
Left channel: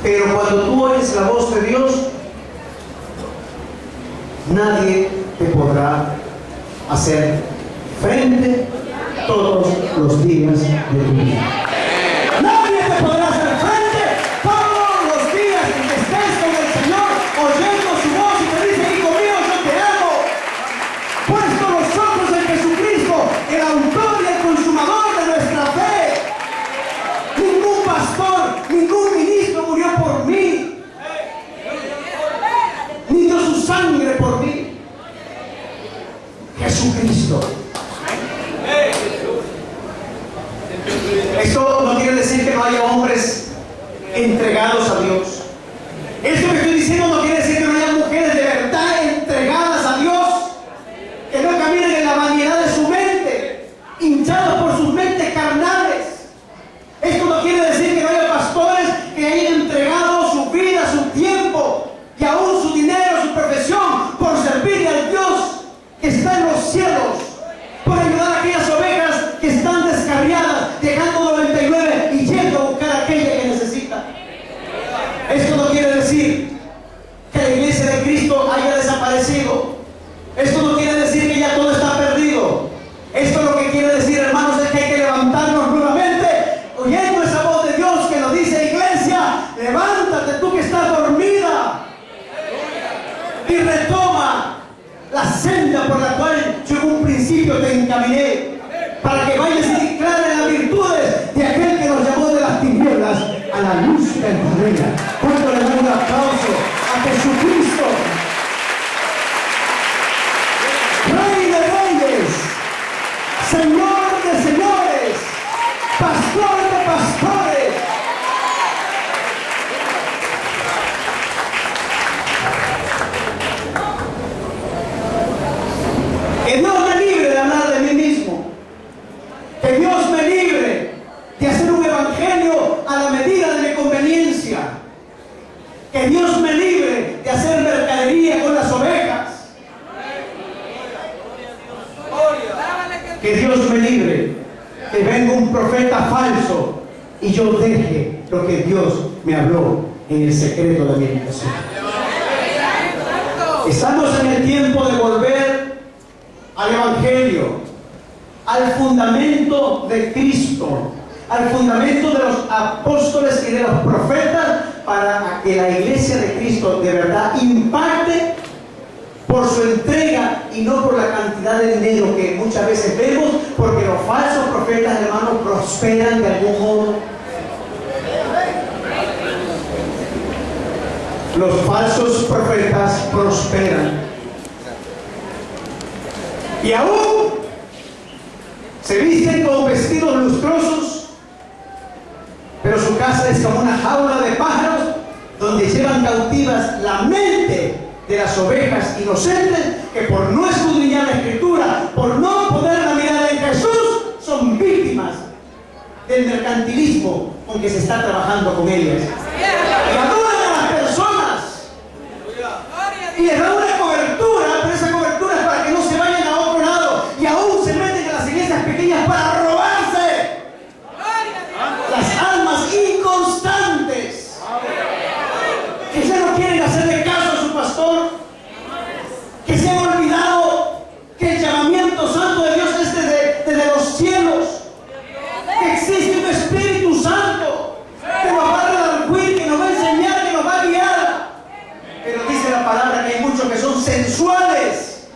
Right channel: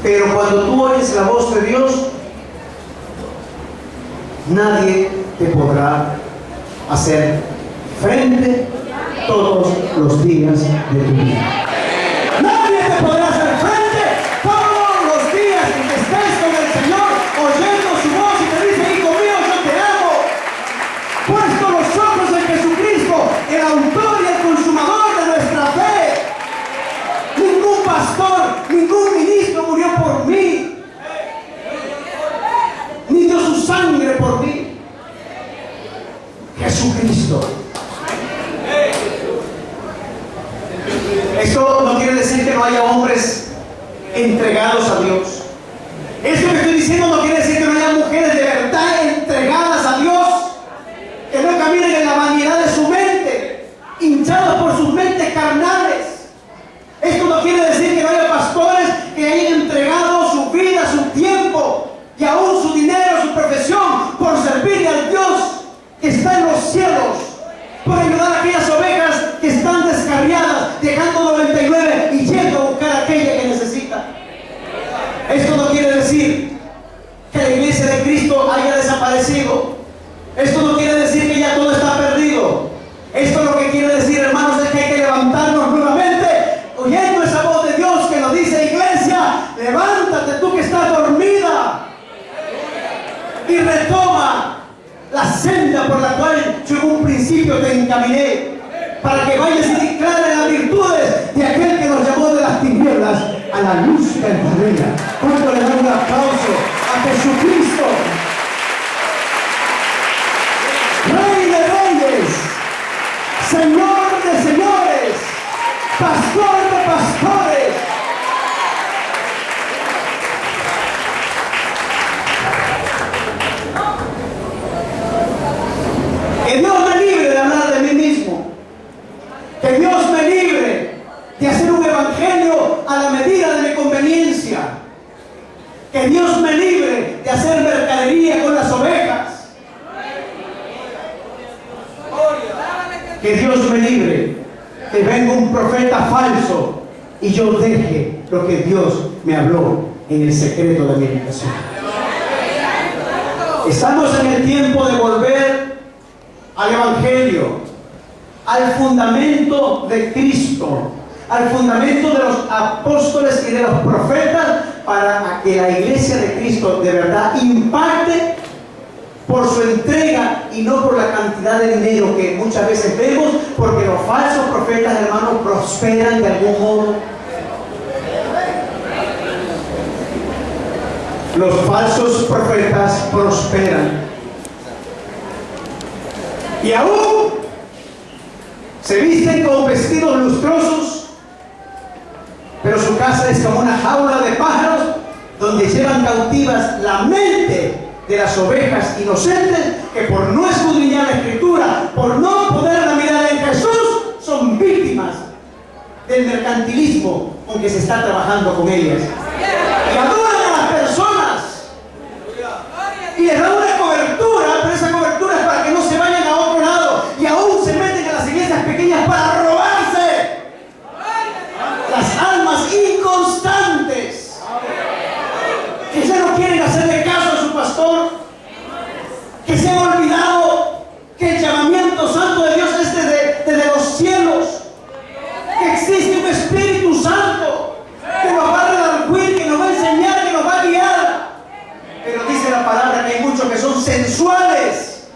Pero cuando tú oyes la voz de Dios, nadie te podrá hacer frente todos los días de tu vida. Nadie te podrá hacer frente todos los días en que estés con el Señor, oyendo su voz y te dice: hijo mío, yo te amo. Puesto los ojos en Jesucristo, el autor y el consumador de nuestra fe. Ningún pastor, ningún ministro murió por mí, ni dio su sangre por mí. Jesucristo. Esto no quiere decir que no haya hombres entregados a Dios. Esto que estoy diciendo no quiere decir que no haya mujeres de verdad entregadas a Dios, que no caminen en la vanidad de su mente, hinchados por sus mentes carnales. Esto no quiere decir que no haya pastores que hayan entregado su vida, su tiempo y aún su dinero, su profesión, por servirle al Dios que está en los cielos, por ayudar a aquellas ovejas que están descarriadas, dejando 99 y yendo a buscar a aquella que necesita. Esto no quiere decir que la iglesia de Cristo haya desaparecido. Esto no quiere decir que ya todo está perdido. Esto lo que quiere decir, hermanos, es que hay que levantarnos nuevamente, oyendo esa voz de Dios que nos dice: iglesia, levántate tú que estás dormida, y retoma la senda por la cual yo en un principio te encaminé, para que vayas y declares las virtudes de aquel que nos llamó de las tinieblas a la luz verdadera. ¿Cuánto le dan un aplauso a Jesucristo, Rey de reyes, Señor de señores, Pastor de pastores? Que Dios me libre de hablar de mí mismo. Que Dios me libre de hacer un evangelio a la medida de mi conveniencia. Que Dios me libre de hacer mercadería con las ovejas. Que Dios me libre y yo deje lo que Dios me habló en el secreto de mi habitación. Estamos en el tiempo de volver al Evangelio, al fundamento de Cristo, al fundamento de los apóstoles y de los profetas, para que la iglesia de Cristo de verdad impacte por su entrega y no por la cantidad de dinero que muchas veces vemos, porque los falsos profetas, hermanos, prosperan de algún modo. Los falsos profetas prosperan. Y aún se visten con vestidos lustrosos, pero su casa es como una jaula de pájaros donde llevan cautivas la mente de las ovejas inocentes, que por no escudriñar la Escritura, por no poner la mirada en Jesús, son víctimas del mercantilismo con que se está trabajando con ellas. Y adoran a las personas y les dan una cobertura, pero esa cobertura es para que no se vayan a otro lado, y aún se meten a las iglesias pequeñas para robarse las almas inconstantes, que ya no quieren hacerle caso a su pastor, que se han olvidado que el llamamiento santo de Dios es desde los cielos, que existe un Espíritu Santo que nos va a redarguir, que nos va a enseñar, que nos va a guiar. Pero dice la palabra que hay muchos que son sensuales.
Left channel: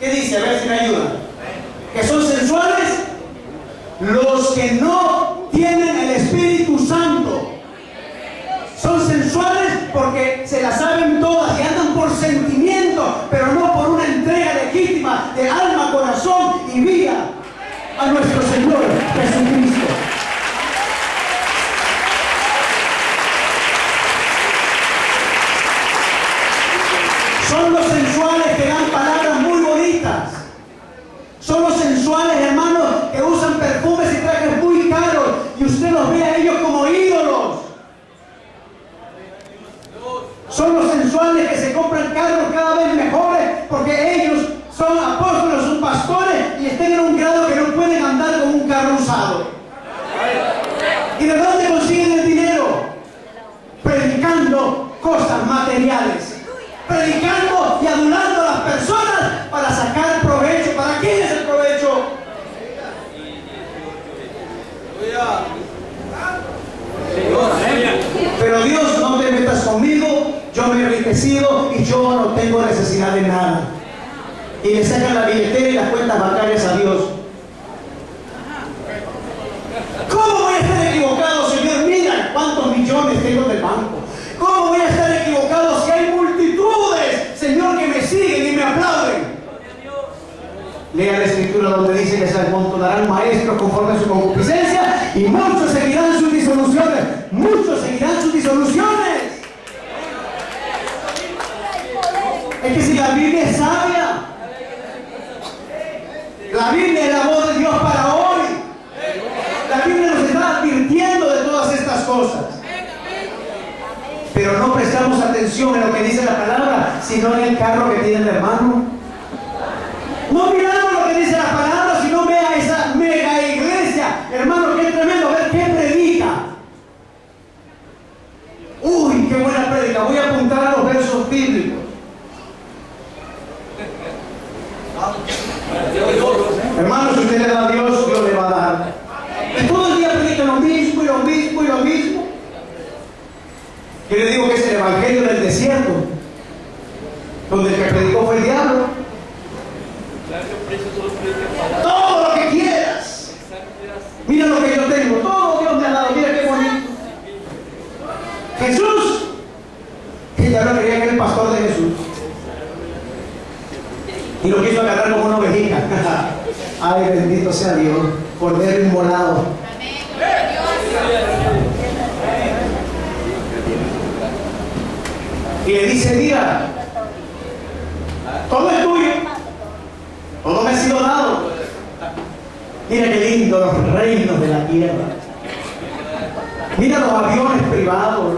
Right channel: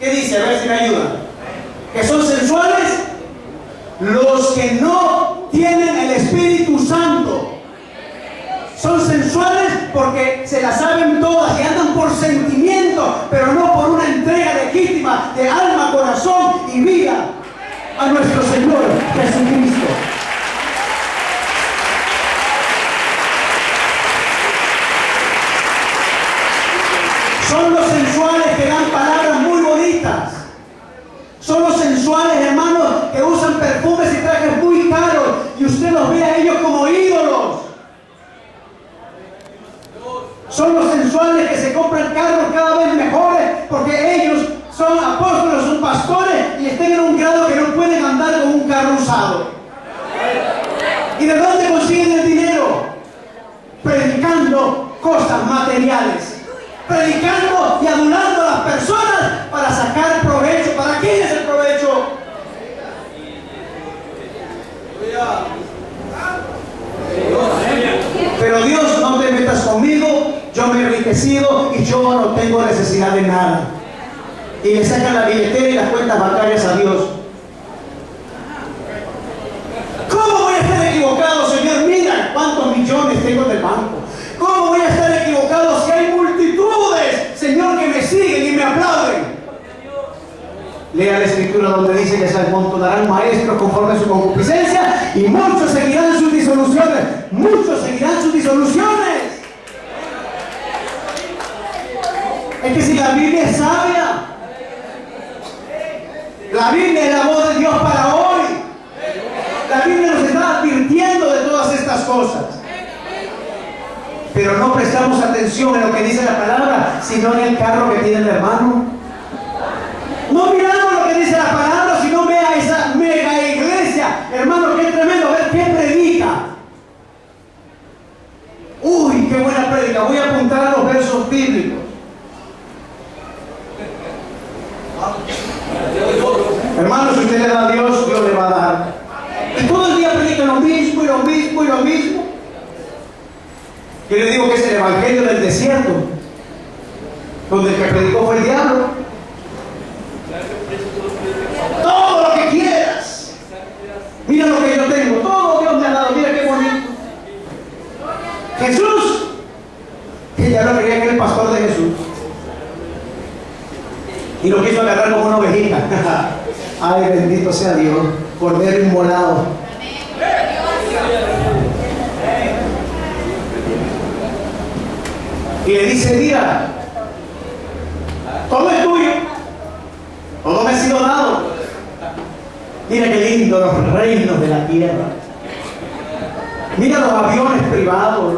¿Qué dice? A ver si me ayudan. ¿Que son sensuales? Los que no tienen el Espíritu Santo. Son sensuales porque se las saben todas y andan por sentimiento, pero no por una entrega legítima de alma, corazón y vida a nuestro Señor Jesucristo. Son los sensuales que dan palabras muy bonitas. Son los sensuales, hermanos, que usan perfumes y trajes muy caros y usted los ve a ellos como ídolos. Son los sensuales que se compran carros cada vez mejores porque ellos son apóstoles, son pastores y están en un grado que no pueden andar con un carro usado. ¿Y de dónde consiguen el dinero? Predicando cosas materiales, predicando y adulando a las personas para sacar provecho. ¿Para quién es el provecho? Pero Dios, no te metas conmigo, yo me he enriquecido y yo no tengo necesidad de nada. Y le sacan la billetera y las cuentas bancarias a Dios. ¿Cómo voy a estar equivocado, Señor? Mira cuántos millones tengo del banco. ¿Cómo voy a estar equivocado si hay multitudes, Señor, que me siguen y me aplauden? Lea la Escritura donde dice que se amontonarán maestros conforme a su concupiscencia y muchos seguirán sus disoluciones. Muchos seguirán sus disoluciones. Es que si la Biblia es sabia, la Biblia es la voz de Dios para hoy. La Biblia nos está advirtiendo de todas estas cosas. Pero no prestamos atención en lo que dice la palabra, sino en el carro que tiene el hermano. No miramos lo que dice la palabra, sino vea esa mega iglesia. Hermano, qué tremendo, a ver qué predica. Uy, qué buena predica. Voy a apuntar a los versos bíblicos. Hermano, si usted le da a Dios, Dios le va a dar. Y todo el día predican lo mismo y lo mismo y lo mismo. Yo le digo que es el evangelio del desierto, donde el que predicó fue el diablo. Todo lo que quieras. Mira lo que yo tengo, todo Dios me ha dado, mira qué bonito. Jesús, que ya lo quería que era el pastor de Jesús. Y lo quiso agarrar como una ovejita. Ay, bendito sea Dios, cordero inmolado. Y le dice, mira, todo es tuyo, todo me ha sido dado. Mira qué lindo los reinos de la tierra. Mira los aviones privados,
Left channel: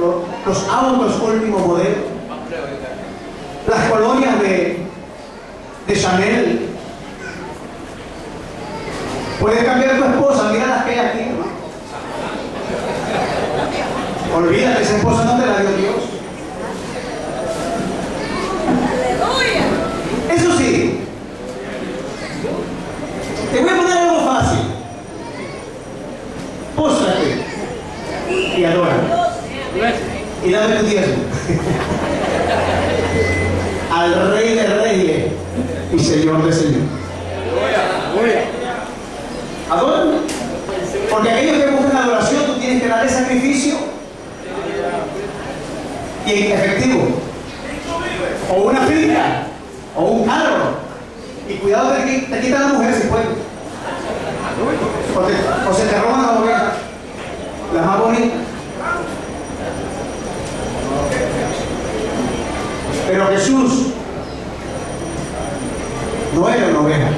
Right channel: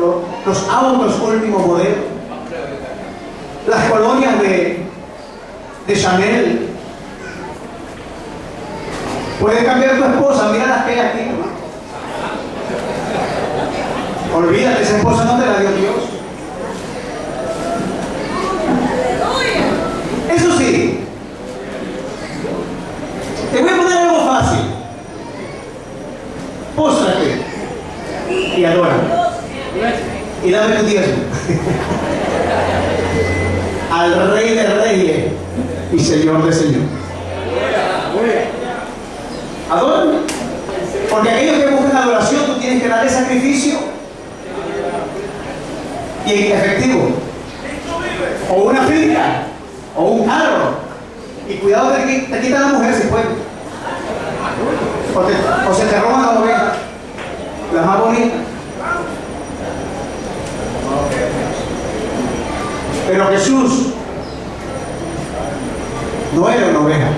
los autos último modelo, las colonias de Chanel. Puedes cambiar tu esposa, mira las que hay aquí, hermano. Olvídate, esa esposa no te la dio Dios. Eso sí, te voy a poner algo fácil. Póstrate y adora. Y dame tu diezmo. Al Rey de Reyes y Señor de Señor. Adora. Porque aquellos que buscan adoración, tú tienes que darle sacrificio y efectivo. O una finca, o un carro. Y cuidado de que te quitan la mujer si puede. O se te roban la oveja, la más bonita. Pero Jesús no era una oveja.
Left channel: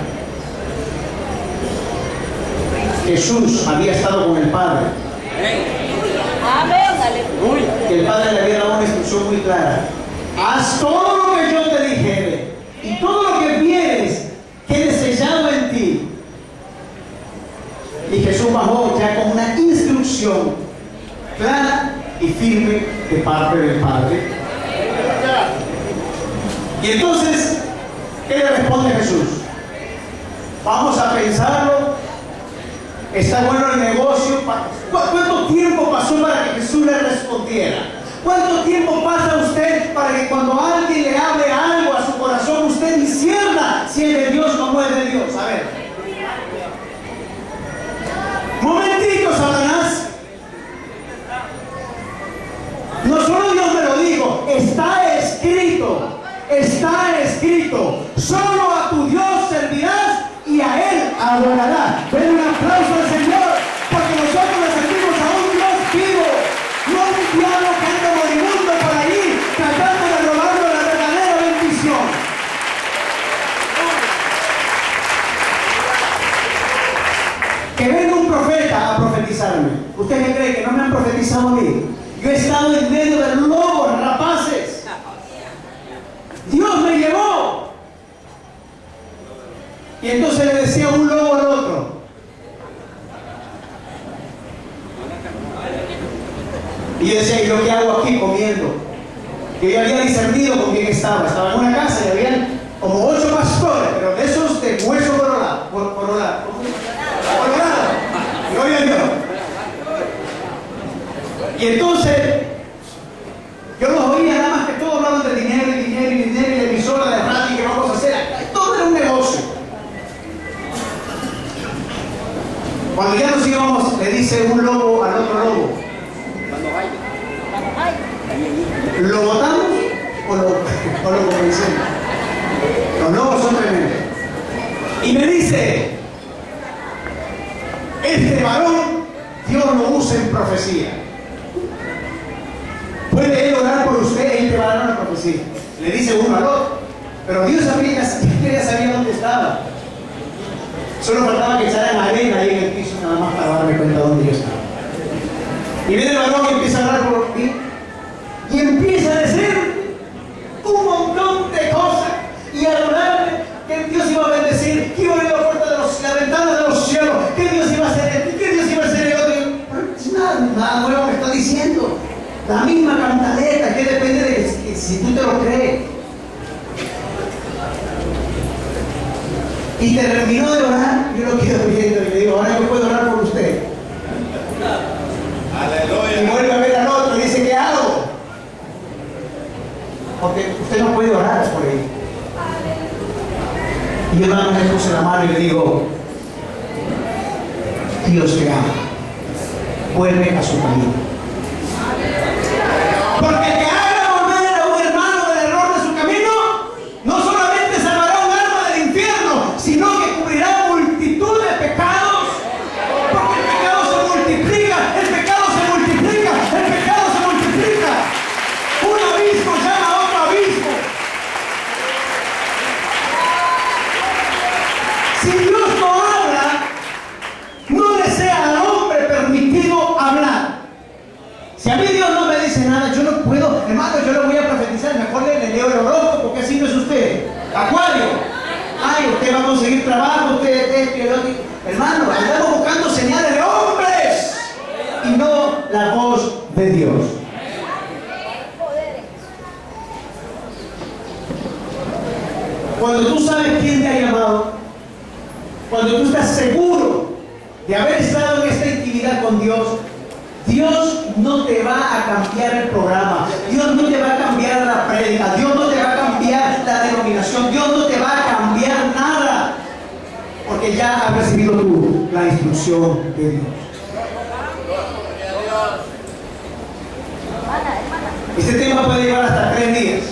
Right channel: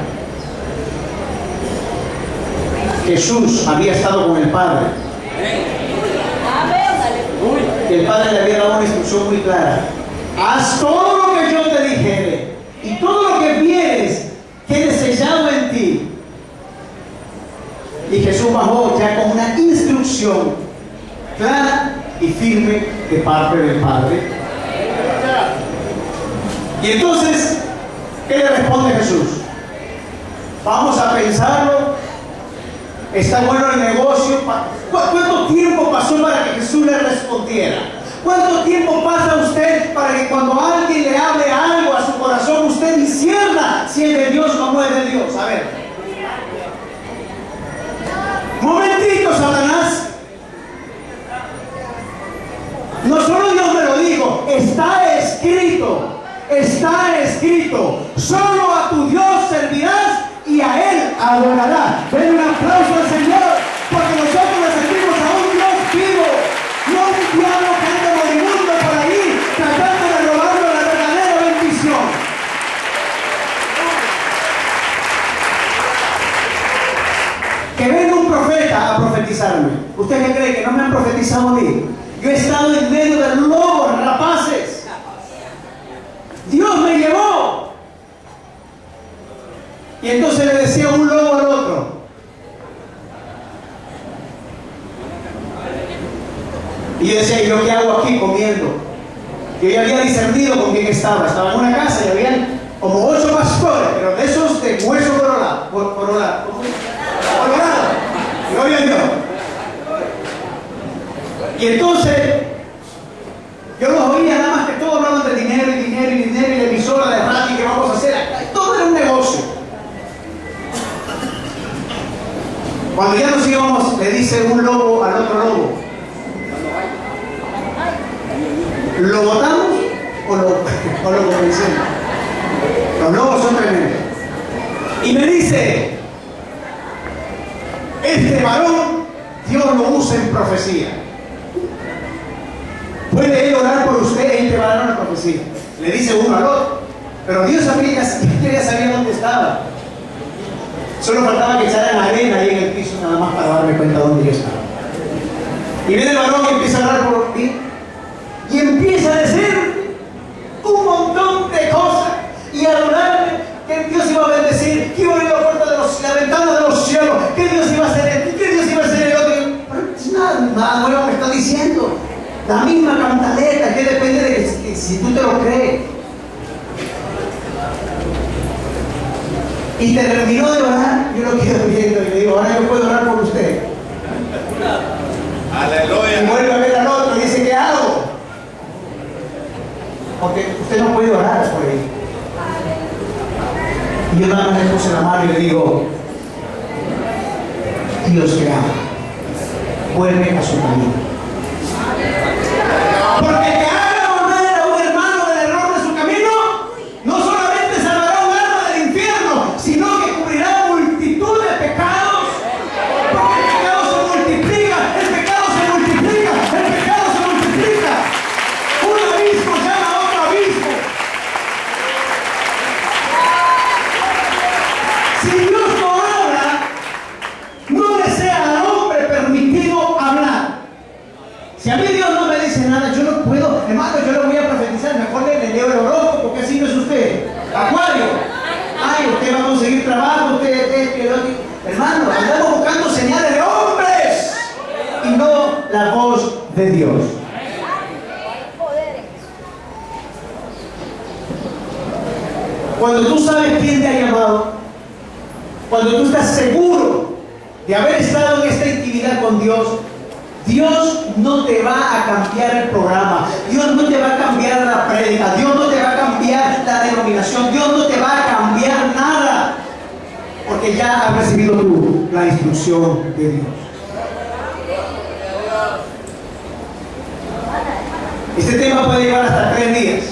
Jesús había estado con el Padre. Que el Padre le había dado una instrucción muy clara. Haz todo lo que yo te dijere, y todo lo que vieres quede sellado en ti. Y Jesús bajó ya con una instrucción clara y firme de parte del Padre. Y entonces, ¿qué le responde Jesús? Vamos a pensarlo. Está bueno el negocio. ¿Cuánto tiempo pasó para que Jesús le respondiera? ¿Cuánto tiempo pasa usted para que cuando alguien le hable algo a su corazón, usted discierna si es de Dios o no es de Dios? A ver. Momentito, Satanás. No solo Dios me lo dijo, está escrito. Está escrito. Solo a tu Dios servirás y a Él adorarás. Den un aplauso al Señor, porque nosotros le servimos a un Dios vivo, no un diablo que anda moribundo por ahí tratando de robarnos la verdadera bendición. Que venga un profeta a profetizarme. ¿Usted qué cree? ¿Que no me han profetizado a mí? Yo he estado en medio de lobos rapaces. Dios me llevó. Y entonces le decía un lobo al otro: y yo decía, ¿y yo qué hago aquí comiendo? Yo ya había discernido con quién estaba. Estaba en una casa y había como 8 pastores, pero de esos de hueso colorado. Gloria a Dios. Y entonces yo los oía, nada más que todos hablaban de dinero y dinero y dinero y de emisora de radio y qué vamos a hacer. Todo era un negocio. Cuando ya nos íbamos, le dice un lobo al otro lobo: ¿lo botamos o lo convencemos? Los lobos son tremendos. Y me dice: este varón Dios lo usa en profecía. ¿Puede él orar por usted? Él te va a dar una profecía. Le dice uno al otro. Pero Dios ya sabía dónde estaba. Solo faltaba que echaran arena ahí en el piso nada más para darme cuenta dónde yo estaba. Y viene el varón y empieza a orar por mí. Y empieza a decir un montón de cosas. Y a orarme que Dios iba a bendecir, que iba a abrir la ventana de los cielos, que Dios iba a hacer esto, que Dios iba a hacer el otro. Nada nuevo me está diciendo. La misma cantaleta, que depende de que si tú te lo crees. Y terminó de orar, yo lo quedo viendo y le digo: ahora yo puedo orar por usted. Aleluya. Y vuelve a ver al otro y dice: ¿qué hago? Porque usted no puede orar por él. Y yo nada más le puse la mano y le digo: Dios te ama, vuelve a su camino. Porque el que haga volver a un hermano del error de su camino, no solamente salvará un alma del infierno, sino que cubrirá multitud de pecados. Porque el pecado se multiplica, el pecado se multiplica, el pecado se multiplica. Un abismo llama a otro abismo. Si Dios no habla, no le sea al hombre permitido hablar. Si a mí Dios no me dice nada, yo no puedo, hermano, yo lo voy a profetizar, mejor le leo el horóscopo, porque así no es usted. Acuario. Ay, usted va a conseguir trabajo, hermano, andamos buscando señales de hombres y no la voz de Dios. Cuando tú sabes quién te ha llamado, cuando tú estás seguro de haber estado en esta intimidad con Dios, Dios no te va a cambiar el programa, Dios no te va a cambiar la prédica, Dios no te va a cambiar la denominación, Dios no te va a cambiar nada, porque ya has recibido tú la instrucción de Dios. Este tema puede llevar hasta 3 días.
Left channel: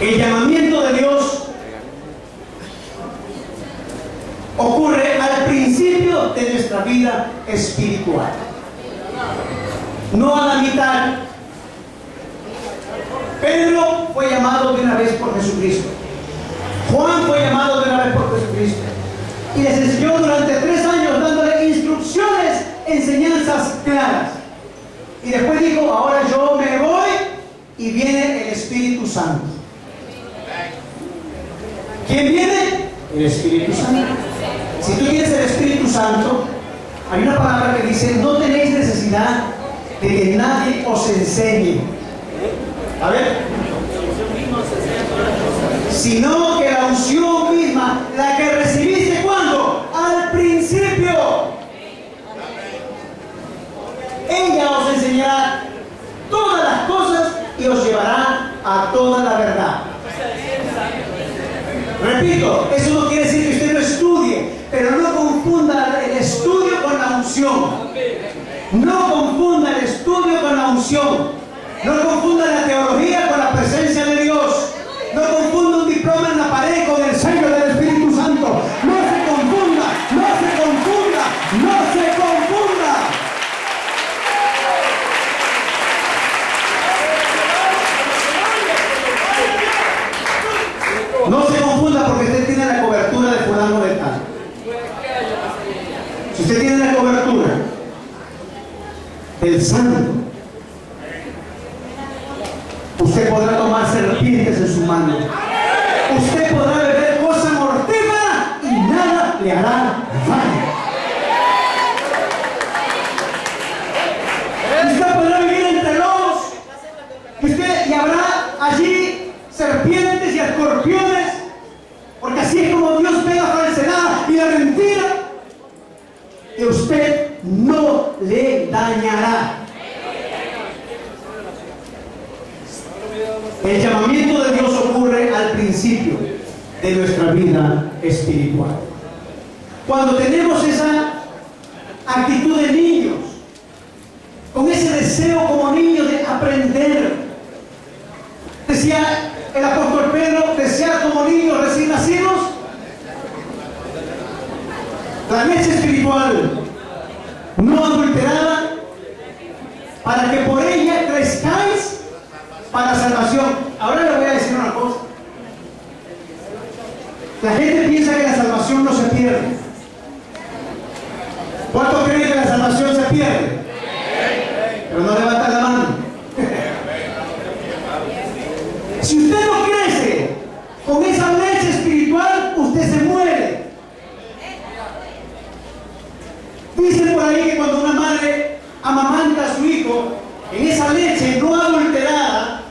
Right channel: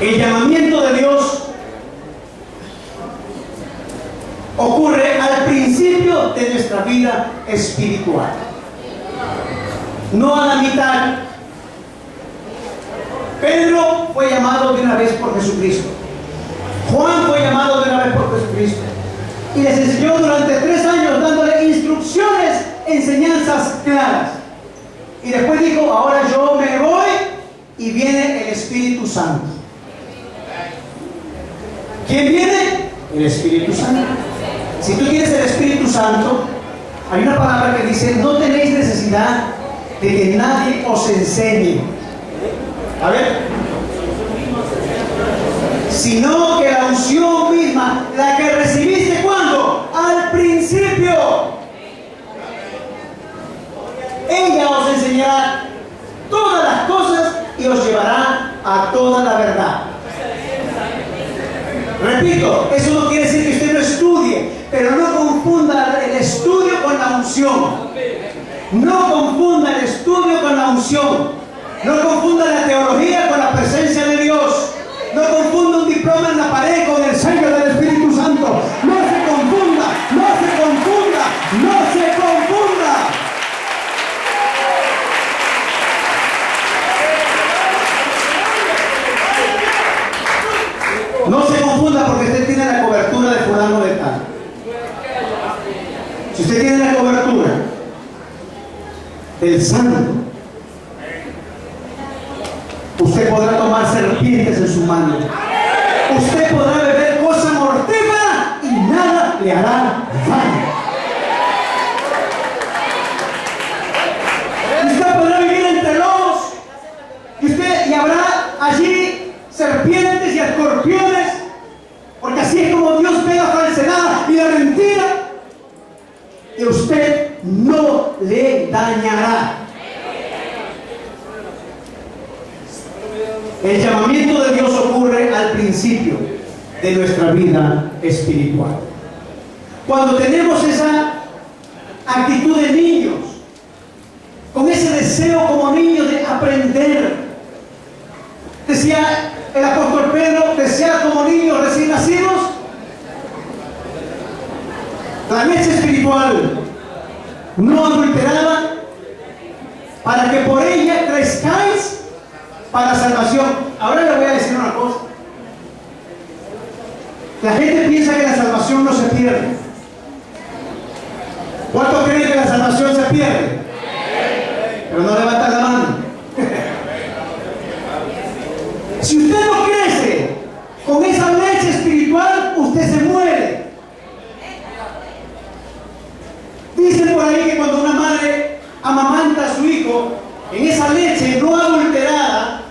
El llamamiento de Dios ocurre al principio de nuestra vida espiritual, no a la mitad. Pedro fue llamado de una vez por Jesucristo. Juan fue llamado de una vez por Jesucristo. Y les enseñó durante 3 años dándole instrucciones, enseñanzas claras. Y después dijo, ahora yo me voy y viene el Espíritu Santo. ¿Quién viene? El Espíritu Santo. Si tú tienes el Espíritu Santo, hay una palabra que dice, no tenéis necesidad de que nadie os enseñe. A ver. Sino que la unción misma, la que recibiste, ¿cuándo? Al principio. Ella os enseñará todas las cosas y os llevará a toda la verdad. Repito, eso no quiere decir que usted no estudie, pero no confunda el estudio con la unción. No confunda el estudio con la unción. No confunda la teología con la presencia de Dios. No confunda un diploma en la pared con el sello del Espíritu Santo. No se confunda, no se confunda, no se confunda. No se confunda porque usted tiene la cobertura de fulano de tal. Si usted tiene la cobertura del Santo, usted podrá tomar serpientes en su mano. Usted podrá beber cosa mortífera y nada le hará daño. Usted podrá vivir entre lobos y habrá allí serpientes y escorpiones, porque así es como Dios ve la falsedad y la mentira, y usted no le dañará. El llamamiento de Dios ocurre al principio de nuestra vida espiritual. Cuando tenemos esa actitud de niños, con ese deseo como niños de aprender. Decía el apóstol Pedro, desear como niños recién nacidos la leche espiritual no adulterada, para que por ella crezcáis para salvación. Ahora le voy a decir una cosa. La gente piensa que la salvación no se pierde. ¿Cuántos creen que la salvación se pierde? Pero no levantan la mano. Si usted no crece con esa leche espiritual, usted se muere. Dicen por ahí que cuando una madre amamanta a su hijo, en esa leche no adulterada,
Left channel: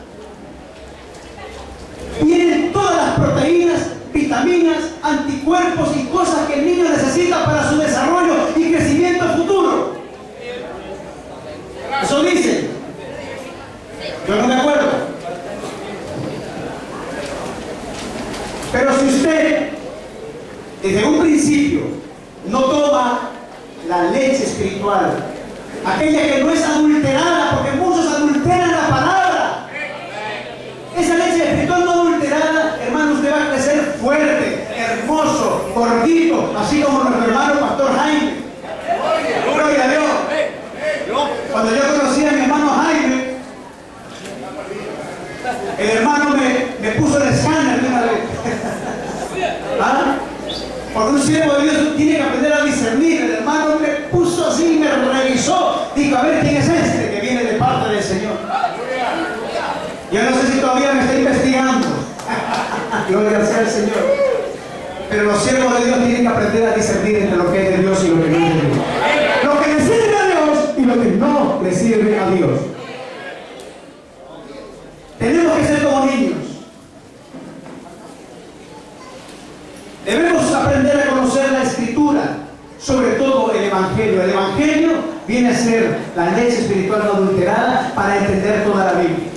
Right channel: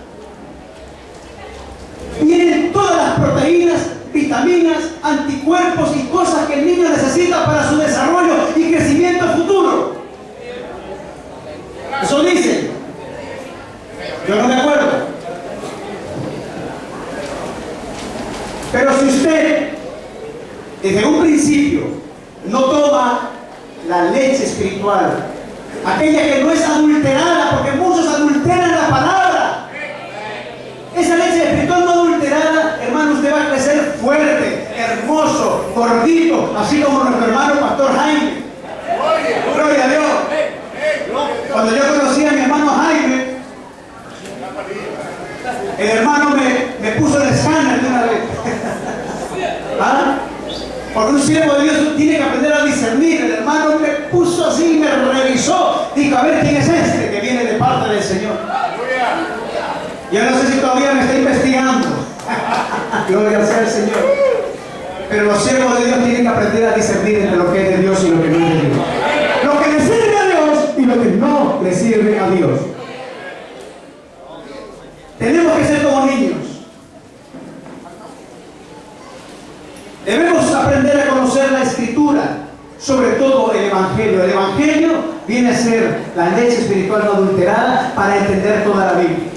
vienen todas las proteínas, vitaminas, anticuerpos y cosas que el niño necesita para su desarrollo y crecimiento futuro. Eso dicen. Yo no me acuerdo. Pero si usted desde un principio no toma la leche espiritual, aquella que no es adulterada, porque muchos adulteran la palabra, esa leche espiritual no adulterada, hermano, usted va a crecer fuerte, hermoso, gordito, así como nuestro hermano Pastor Jaime. Gloria a Dios. Cuando yo conocí a mi hermano Jaime, el hermano me puso el escáner de una vez. ¿Ah? Porque un siervo de Dios tiene que aprender a discernir. El hermano me puso así, me revisó, dijo, a ver quién es este que viene de parte del Señor. Yo no sé si todavía me está investigando. Gloria sea al Señor. Pero los siervos de Dios tienen que aprender a discernir entre lo que es de Dios y lo que no es de Dios. todo el Evangelio. El Evangelio viene a ser la leche espiritual no adulterada para entender toda la Biblia.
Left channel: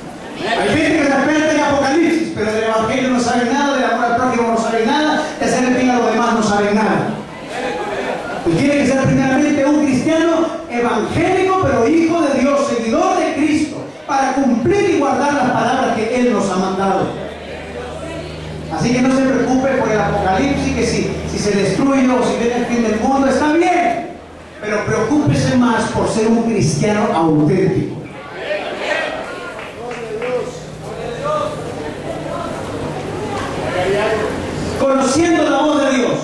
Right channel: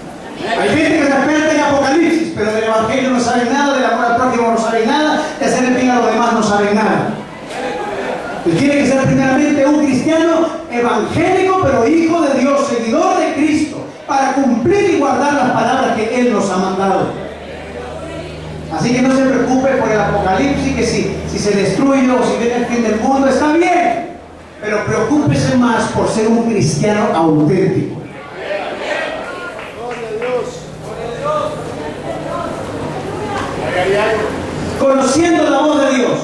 Hay gente que se experta en Apocalipsis, pero del Evangelio no sabe nada, del amor al prójimo no sabe nada, de hacer el bien a los demás no sabe nada. Pues tiene que ser primeramente un cristiano evangélico, pero hijo de Dios, seguidor de Cristo, para cumplir y guardar las palabras que Él nos ha mandado. Así que no se preocupe por el Apocalipsis, que si se destruye o si viene el fin del mundo, está bien. Pero preocúpese más por ser un cristiano auténtico. Conociendo la voz de Dios.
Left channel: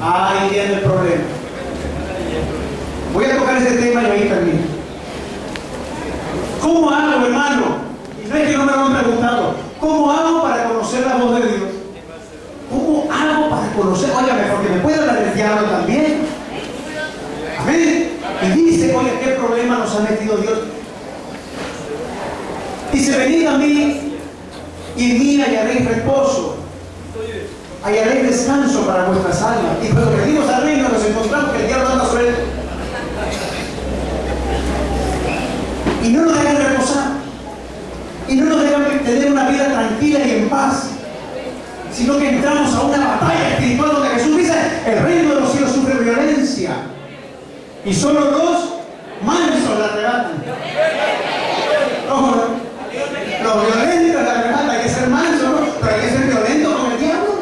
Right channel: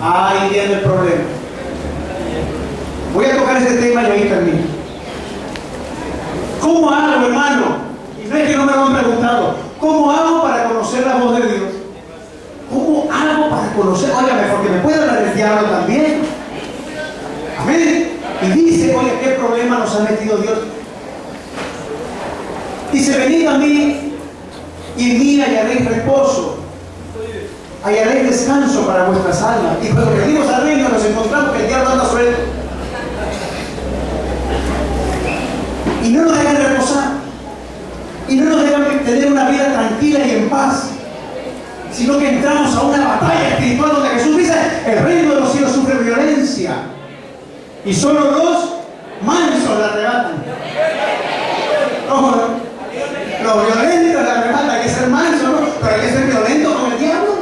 Ahí viene el problema. Voy a tocar ese tema y ahí termino. ¿Cómo hago, hermano? Y no es que no me lo han preguntado. ¿Cómo hago para conocer la voz de Dios? ¿Cómo hago para conocer? Óigame, porque me puede hablar el diablo también. Amén. Y dice, oye, ¿qué problema nos ha metido Dios? Dice, venid a mí y en mí hallaréis reposo, hallaréis descanso para vuestras almas. Y cuando venimos al reino nos encontramos que el diablo anda suelto y no nos dejan reposar y no nos dejan tener una vida tranquila y en paz, sino que entramos a una batalla espiritual donde Jesús dice, el reino de los cielos sufre violencia y solo los mansos la arrebatan. ¿Cómo? Los violentos la arrebatan. Hay que ser manso, ¿no? Pero hay que ser violento con el diablo.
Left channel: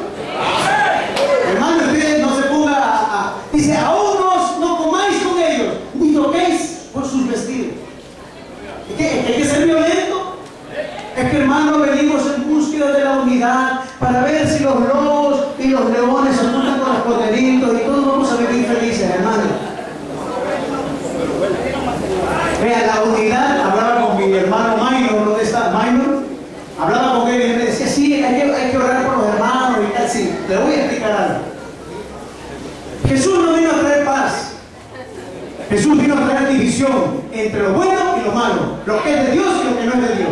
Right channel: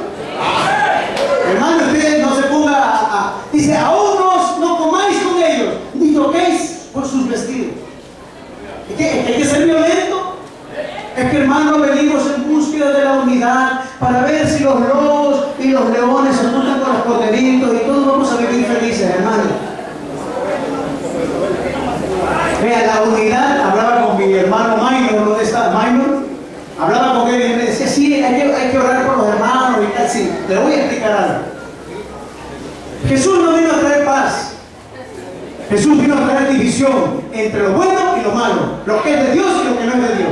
Hermano, usted no se ponga dice, aún no comáis con ellos, ni toquéis por sus vestidos. ¿Es que hay que ser violento? Es que, hermano, venimos en búsqueda de la unidad para ver si los lobos y los leones se juntan con los corderitos y todos vamos a vivir felices, hermano. Vea, la unidad, hablaba con mi hermano Minor, ¿dónde está Minor? Hablaba con él y me decía, sí, hay que orar por los hermanos y tal, sí, le voy a explicar algo. Jesús no vino a traer paz. Jesús vino a traer división entre lo bueno y lo malo, lo que es de Dios y lo que no es de Dios.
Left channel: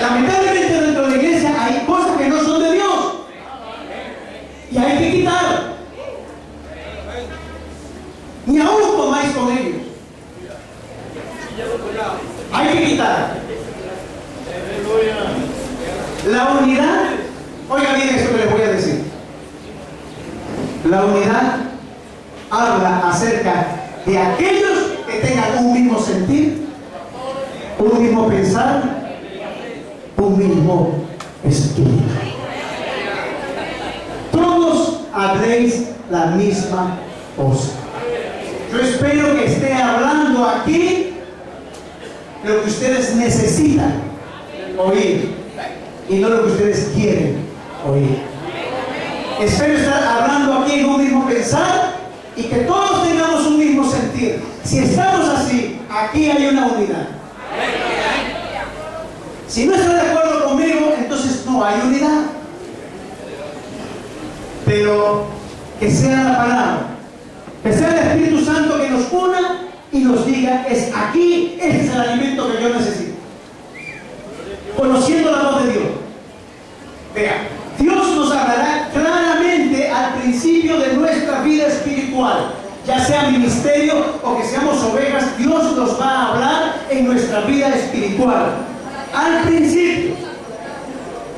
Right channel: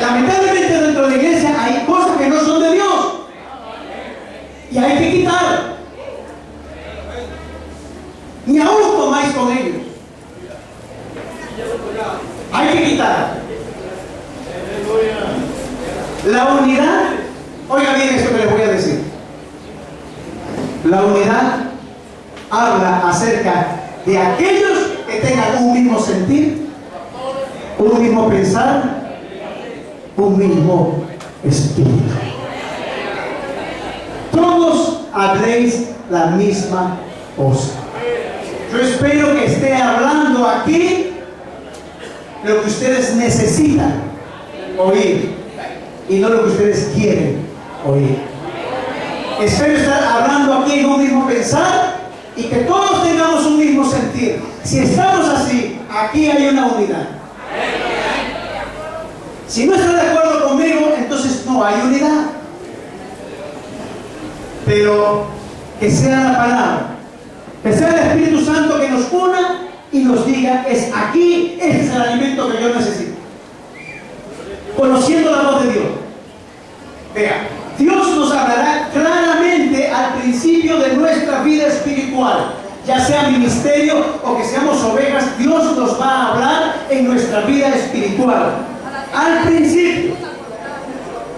Lamentablemente dentro de la iglesia hay cosas que no son de Dios y hay que quitar. Ni aún comáis con ellos. Hay que quitar. La unidad, oiga bien esto que les voy a decir. La unidad habla acerca de aquellos que tengan un mismo sentir, un mismo pensar, un mismo espíritu. Todos habléis la misma cosa. Yo espero que esté hablando aquí lo que ustedes necesitan oír y no lo que ustedes quieren oír. Espero estar hablando aquí en un mismo pensar y que todos tengamos un mismo sentir. Si estamos así, aquí hay una unidad. Si no está de acuerdo conmigo, entonces no hay unidad. Pero que sea la palabra, que sea el Espíritu Santo que nos una y nos diga, es aquí, este es el alimento que yo necesito. Conociendo la voz de Dios. Vea, Dios nos hablará claramente al principio de nuestra vida espiritual, ya sea ministerio o que seamos ovejas. Dios nos va a hablar en nuestra vida espiritual al principio.